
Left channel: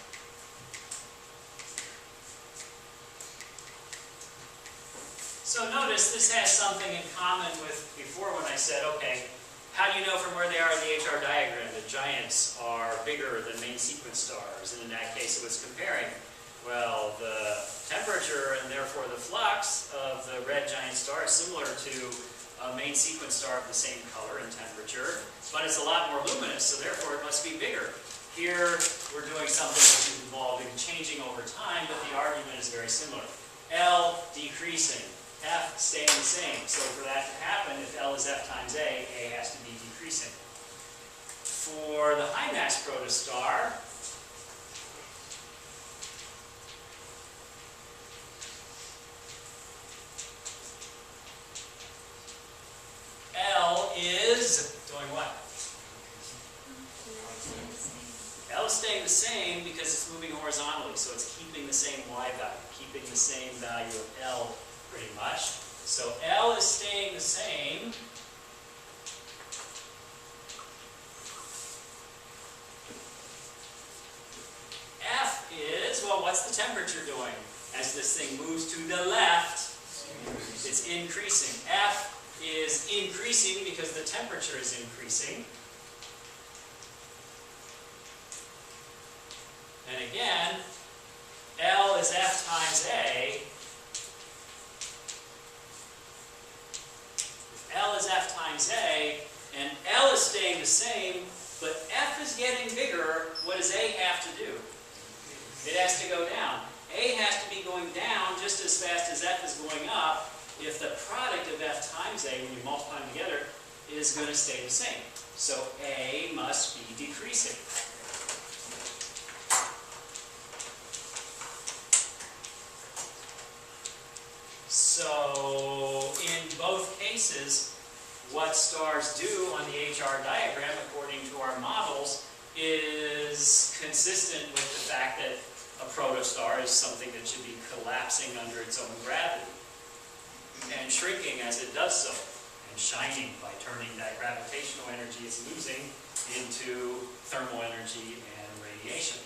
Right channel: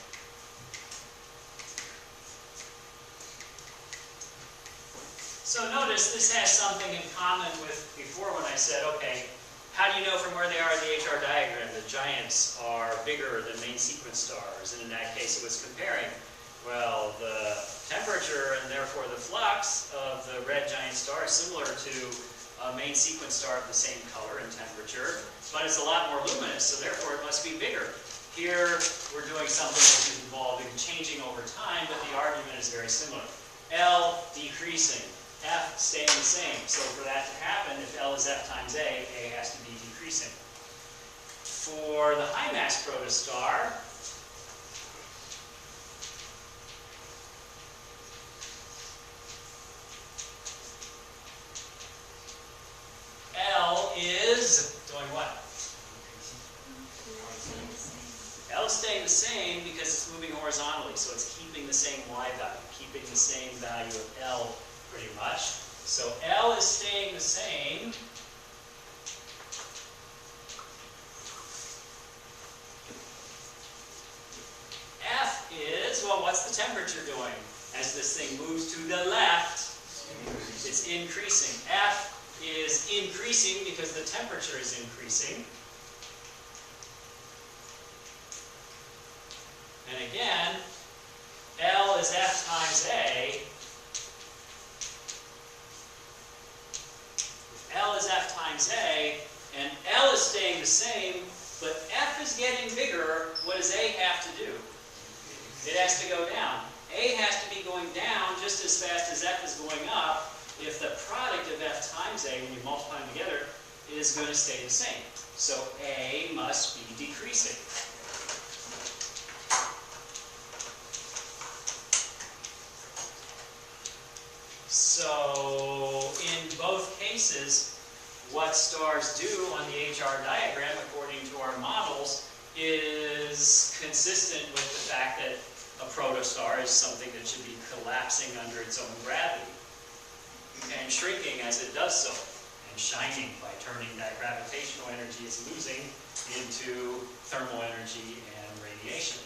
So notice this has something in common with before when I said, okay, how do you know from where they are in the HR diagram that giants are bigger than main sequence stars? And in that case it was comparing, well, the temperature and therefore the flux of the red giant star is similar to a main sequence star of the same color and temperature, but it's a lot more luminous, so therefore it must be bigger. Here we're doing something which is involving changing over time, but the argument is very similar. L decreasing, F staying the same. So for that to happen, if L is F times A has to be decreasing. For the high mass protostar, L is doing what? L is staying the same because it's moving horizontally, so it's keeping the same Y value, keeping the same value of L pretty much. So L is staying the same. F is, well, what's the temperature doing? As this thing moves to the left, it's increasing. F is increasing because the temperature is increasing. And again, L is F times A. If L is F times A, and L is staying the same, but F is getting bigger, what does A have to do? It has to go down. A has to be going down just as fast as F is going up if the product of F times A, when you multiply them together, is going to stay the same. So A must be decreasing. So in both cases, what stars do on the HR diagram, according to our models, is consistent with the fact that a protostar is something that should be collapsing under its own gravity and shrinking as it does so. And and shining by turning that gravitational energy it's losing into thermal energy and radiation.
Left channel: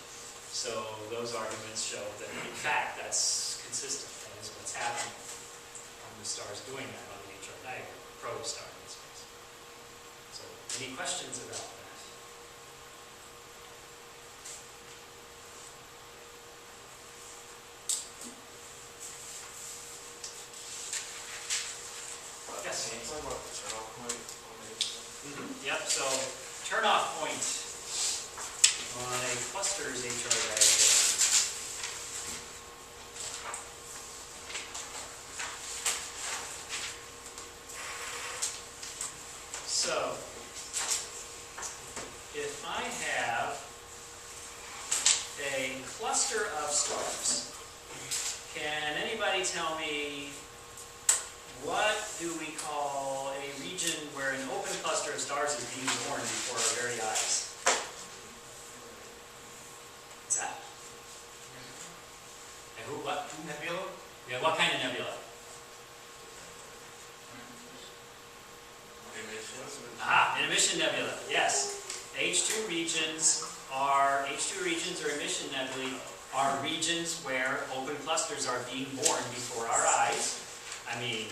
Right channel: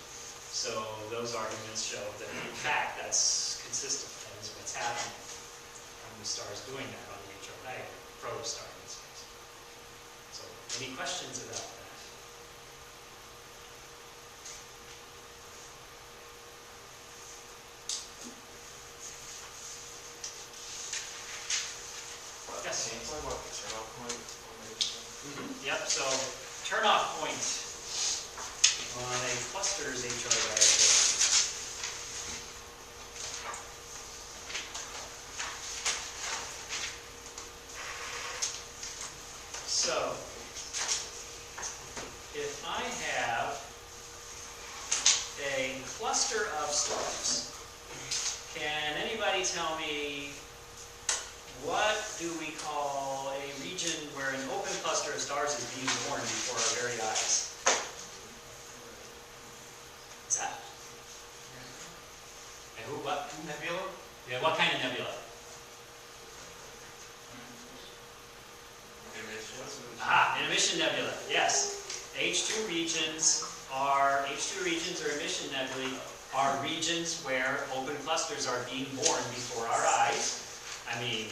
So those arguments show that in fact that's consistent. That is what's happening. The stars doing that on the HR diagram, protostar in this case. So, any questions about that? Yes? Can you explain what the turnoff point on the Yep, so turnoff point on a cluster's HR diagram. So, if I have a cluster of stars, can anybody tell me what do we call a region where an open cluster of stars is being born before our very eyes? What's that? And who, what? nebula? Yeah, what kind of nebula? An emission nebula, yes. H2 regions or emission nebulae are regions where open clusters are being born before our eyes. I mean,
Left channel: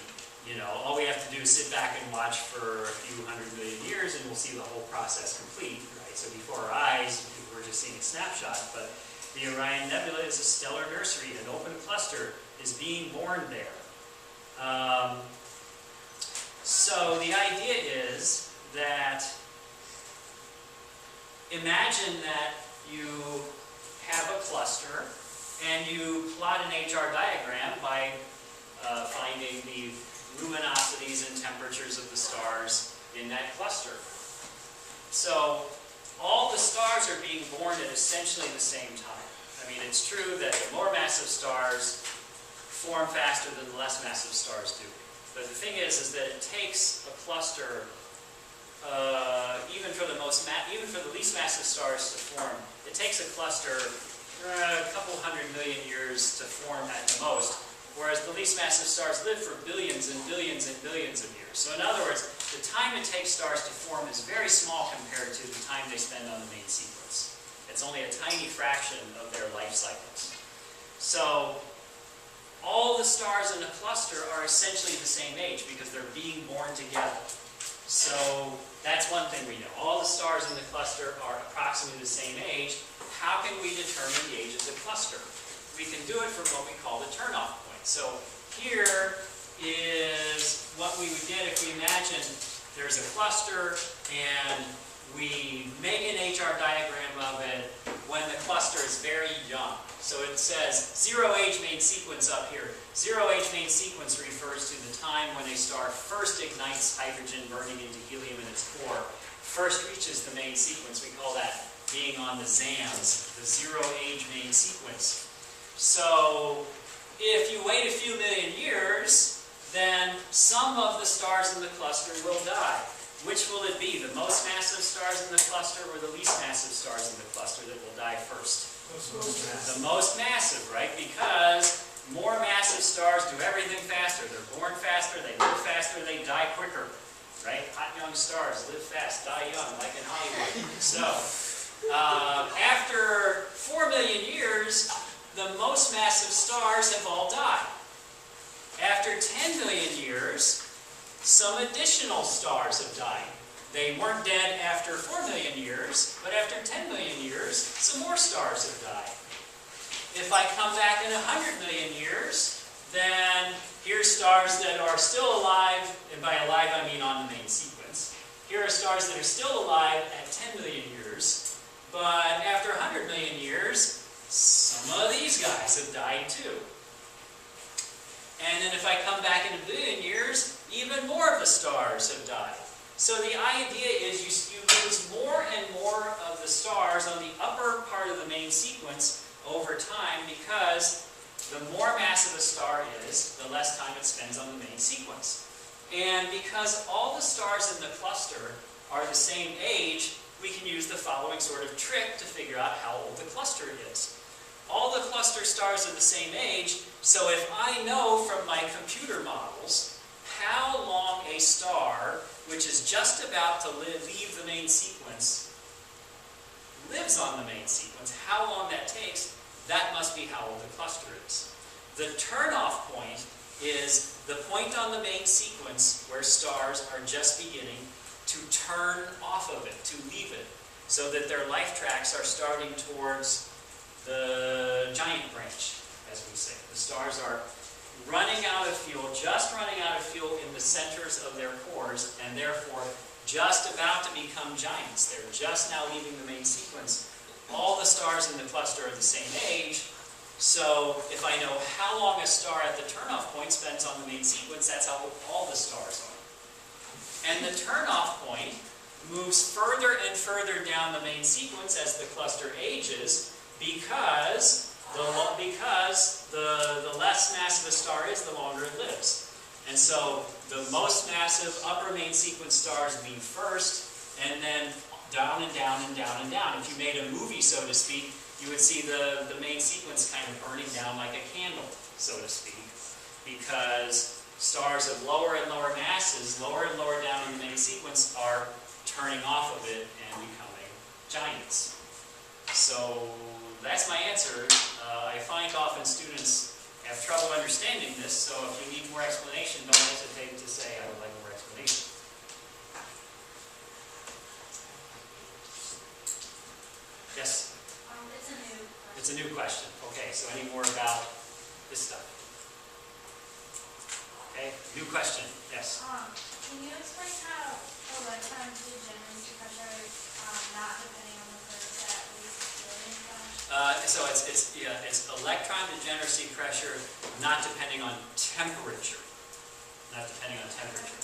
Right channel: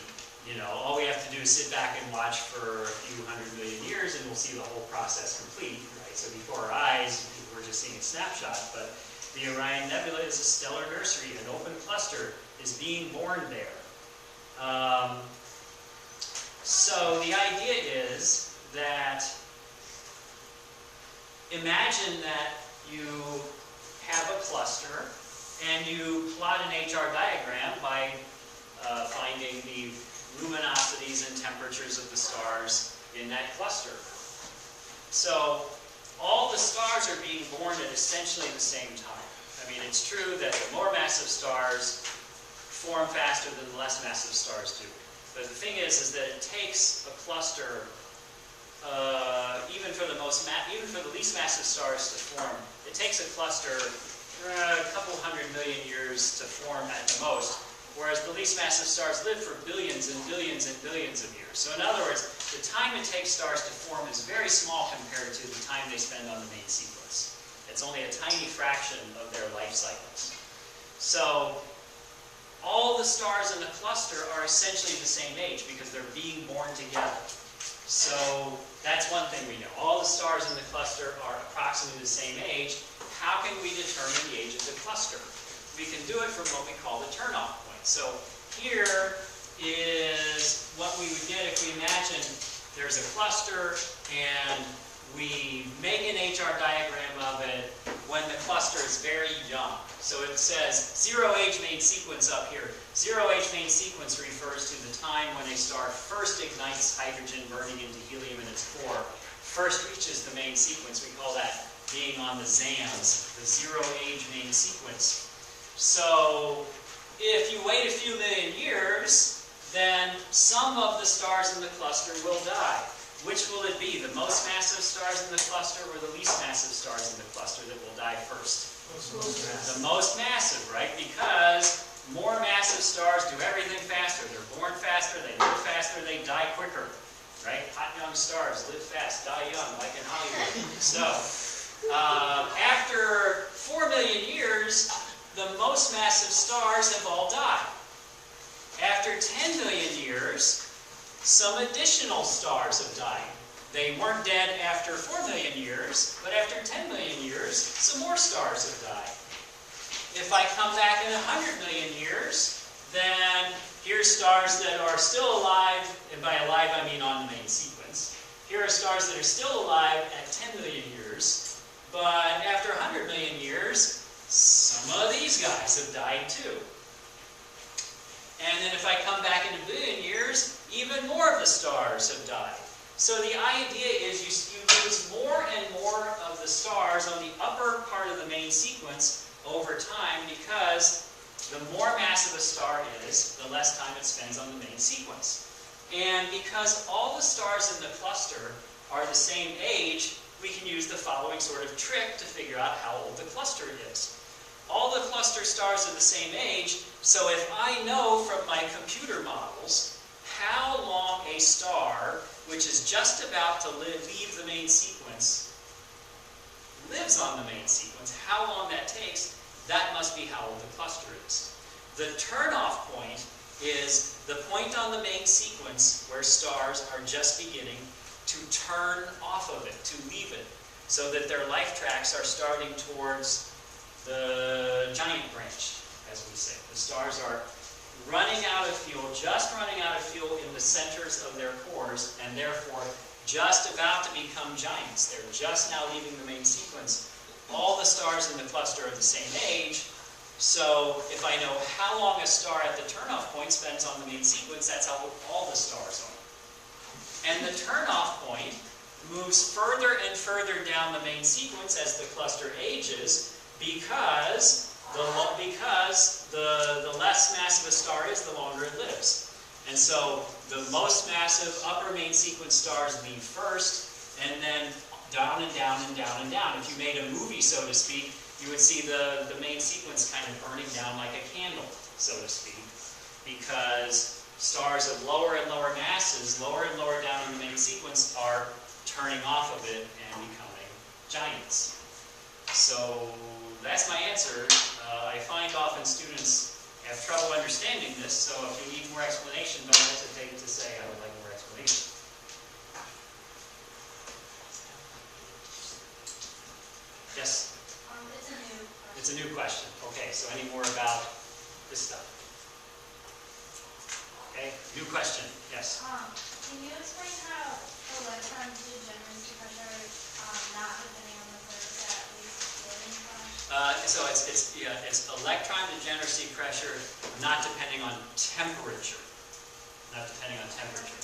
you know, all we have to do is sit back and watch for a few 100 million years and we'll see the whole process complete, right? So before our eyes, we're just seeing a snapshot, but the Orion Nebula is a stellar nursery. An open cluster is being born there. So the idea is that imagine that you have a cluster and you plot an HR diagram by finding the luminosities and temperatures of the stars in that cluster. So all the stars are being born at essentially the same time. I mean, it's true that the more massive stars form faster than the less massive stars do. But the thing is that it takes a cluster, even for the least massive stars to form, it takes a cluster a couple 100 million years to form at the most, whereas the least massive stars live for billions and billions and billions of years. So in other words, the time it takes stars to form is very small compared to the time they spend on the main sequence. It's only a tiny fraction of their life cycles. So all the stars in the cluster are essentially the same age because they're being born together. So that's one thing we know. All the stars in the cluster are approximately the same age. How can we determine the age of the cluster? We can do it from what we call the turnoff point. So here is what we would get if we imagine there's a cluster and we make an HR diagram of it when the cluster is very young. So it says 0 age main sequence up here. 0 age main sequence refers to the time when a star first ignites hydrogen burning into helium in its core. First reaches the main sequence. We call that being on the ZAMS, the 0 age main sequence. So if you wait a few million years, then some of the stars in the cluster will die. Which will it be? The most massive stars in the cluster or the least massive stars in the cluster that will die first? The most massive, right? Because more massive stars do everything faster. They're born faster, they live faster, they die quicker, right? Hot young stars live fast, die young, like in Hollywood. So, after 4 million years, the most massive stars have all died. After 10 million years, some additional stars have died. They weren't dead after 4 million years, but after 10 million years, some more stars have died. If I come back in 100 million years, then here's stars that are still alive, and by alive I mean on the main sequence. Here are stars that are still alive at 10 million years, but after 100 million years, some of these guys have died too. And then if I come back in a billion years, even more of the stars have died. So the idea is you lose more and more of the stars on the upper part of the main sequence over time because the more massive a star is, the less time it spends on the main sequence. And because all the stars in the cluster are the same age, we can use the following sort of trick to figure out how old the cluster is. All the cluster stars are the same age, so if I know from my computer models how long a star, which is just about to leave the main sequence, lives on the main sequence, how long that takes, that must be how old the cluster is. The turnoff point is the point on the main sequence where stars are just beginning to turn off of it, to leave it, so that their life tracks are starting towards the giant branch, as we say. The stars are running out of fuel, just running out of fuel in the centers of their cores, and therefore just about to become giants. They're just now leaving the main sequence. All the stars in the cluster are the same age, so if I know how long a star at the turnoff point spends on the main sequence, that's how old all the stars are. And the turnoff point moves further and further down the main sequence as the cluster ages, because the less massive a star is, the longer it lives. And so the most massive upper main sequence stars leave first, and then down and down and down and down. If you made a movie, so to speak, you would see the main sequence kind of burning down like a candle, so to speak, because stars of lower and lower masses, lower and lower down in the main sequence, are turning off of it and becoming giants. So that's my answer. I find often students have trouble understanding this, so if you need more explanation, don't hesitate to say, I would like more explanation. Yes? It's a new question. It's a new question. Okay, so any more about this stuff? Okay, new question. Yes? Can you explain how electron degeneracy pressure, not depending on the thermostat, leads to floating flash? So it's electron degeneracy pressure not depending on temperature. Not depending on temperature.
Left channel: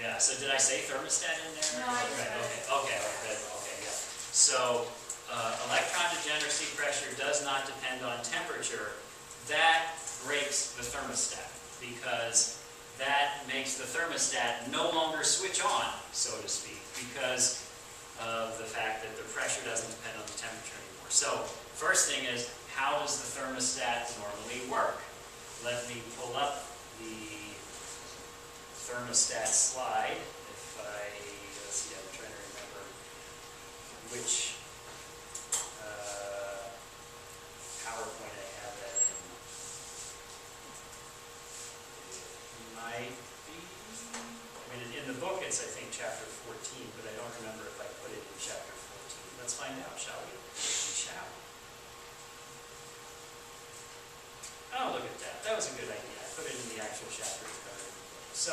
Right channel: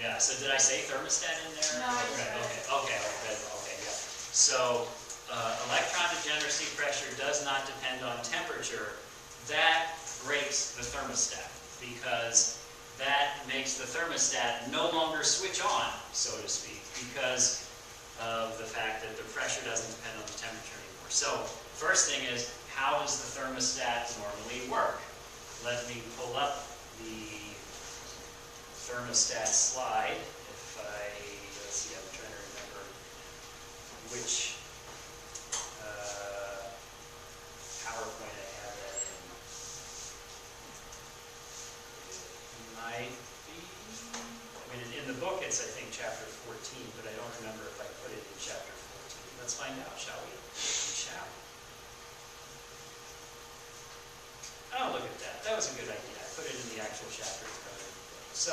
Yeah, so did I say thermostat in there? No, I just Okay, yeah. So electron degeneracy pressure does not depend on temperature. That breaks the thermostat, because that makes the thermostat no longer switch on, so to speak, because of the fact that the pressure doesn't depend on the temperature anymore. So first thing is, how does the thermostat normally work? Let me pull up the thermostat slide. Let's see, I'm trying to remember which PowerPoint I have that in. It might be, in the book it's, I think, chapter 14, but I don't remember if I put it in chapter 14. Let's find out, shall we? We shall. Oh, look at that. That was a good idea. I put it in the actual chapter. So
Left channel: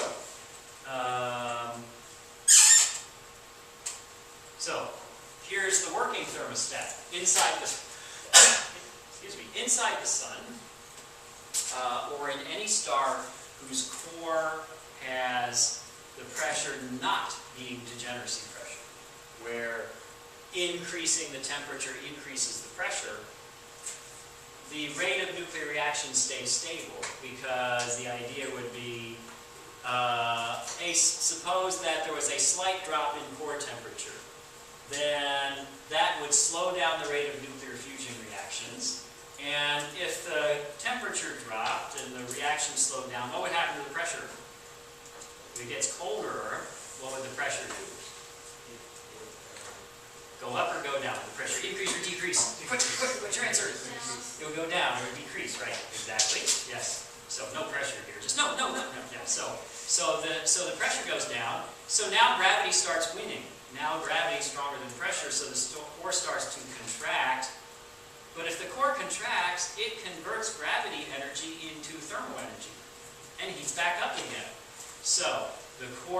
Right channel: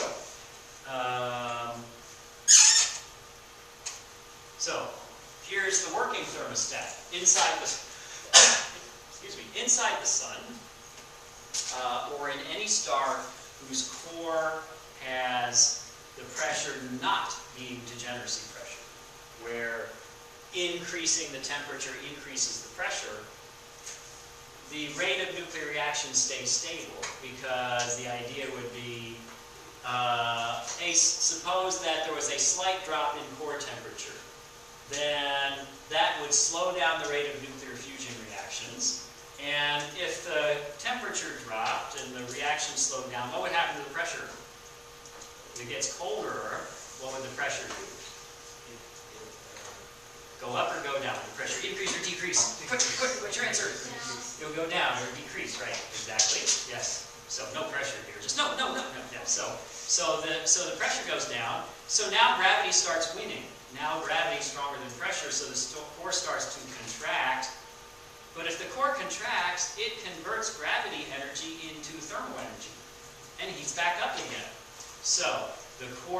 here's the working thermostat inside the inside the sun, or in any star whose core has the pressure not being degeneracy pressure, where increasing the temperature increases the pressure. The rate of nuclear reaction stays stable, because the idea would be, suppose that there was a slight drop in core temperature, then that would slow down the rate of nuclear fusion reactions. And if the temperature dropped and the reaction slowed down, what would happen to the pressure? If it gets colder, what would the pressure do? Go up or go down? The pressure increase or decrease? Quick, what's your answer? It'll go down or decrease, right? Exactly. Yes. So no pressure here. Just no. Yeah. So the pressure goes down. So now gravity starts winning. Now gravity is stronger than pressure, so the core starts to contract. But if the core contracts, it converts gravity energy into thermal energy and heats back up again. So the core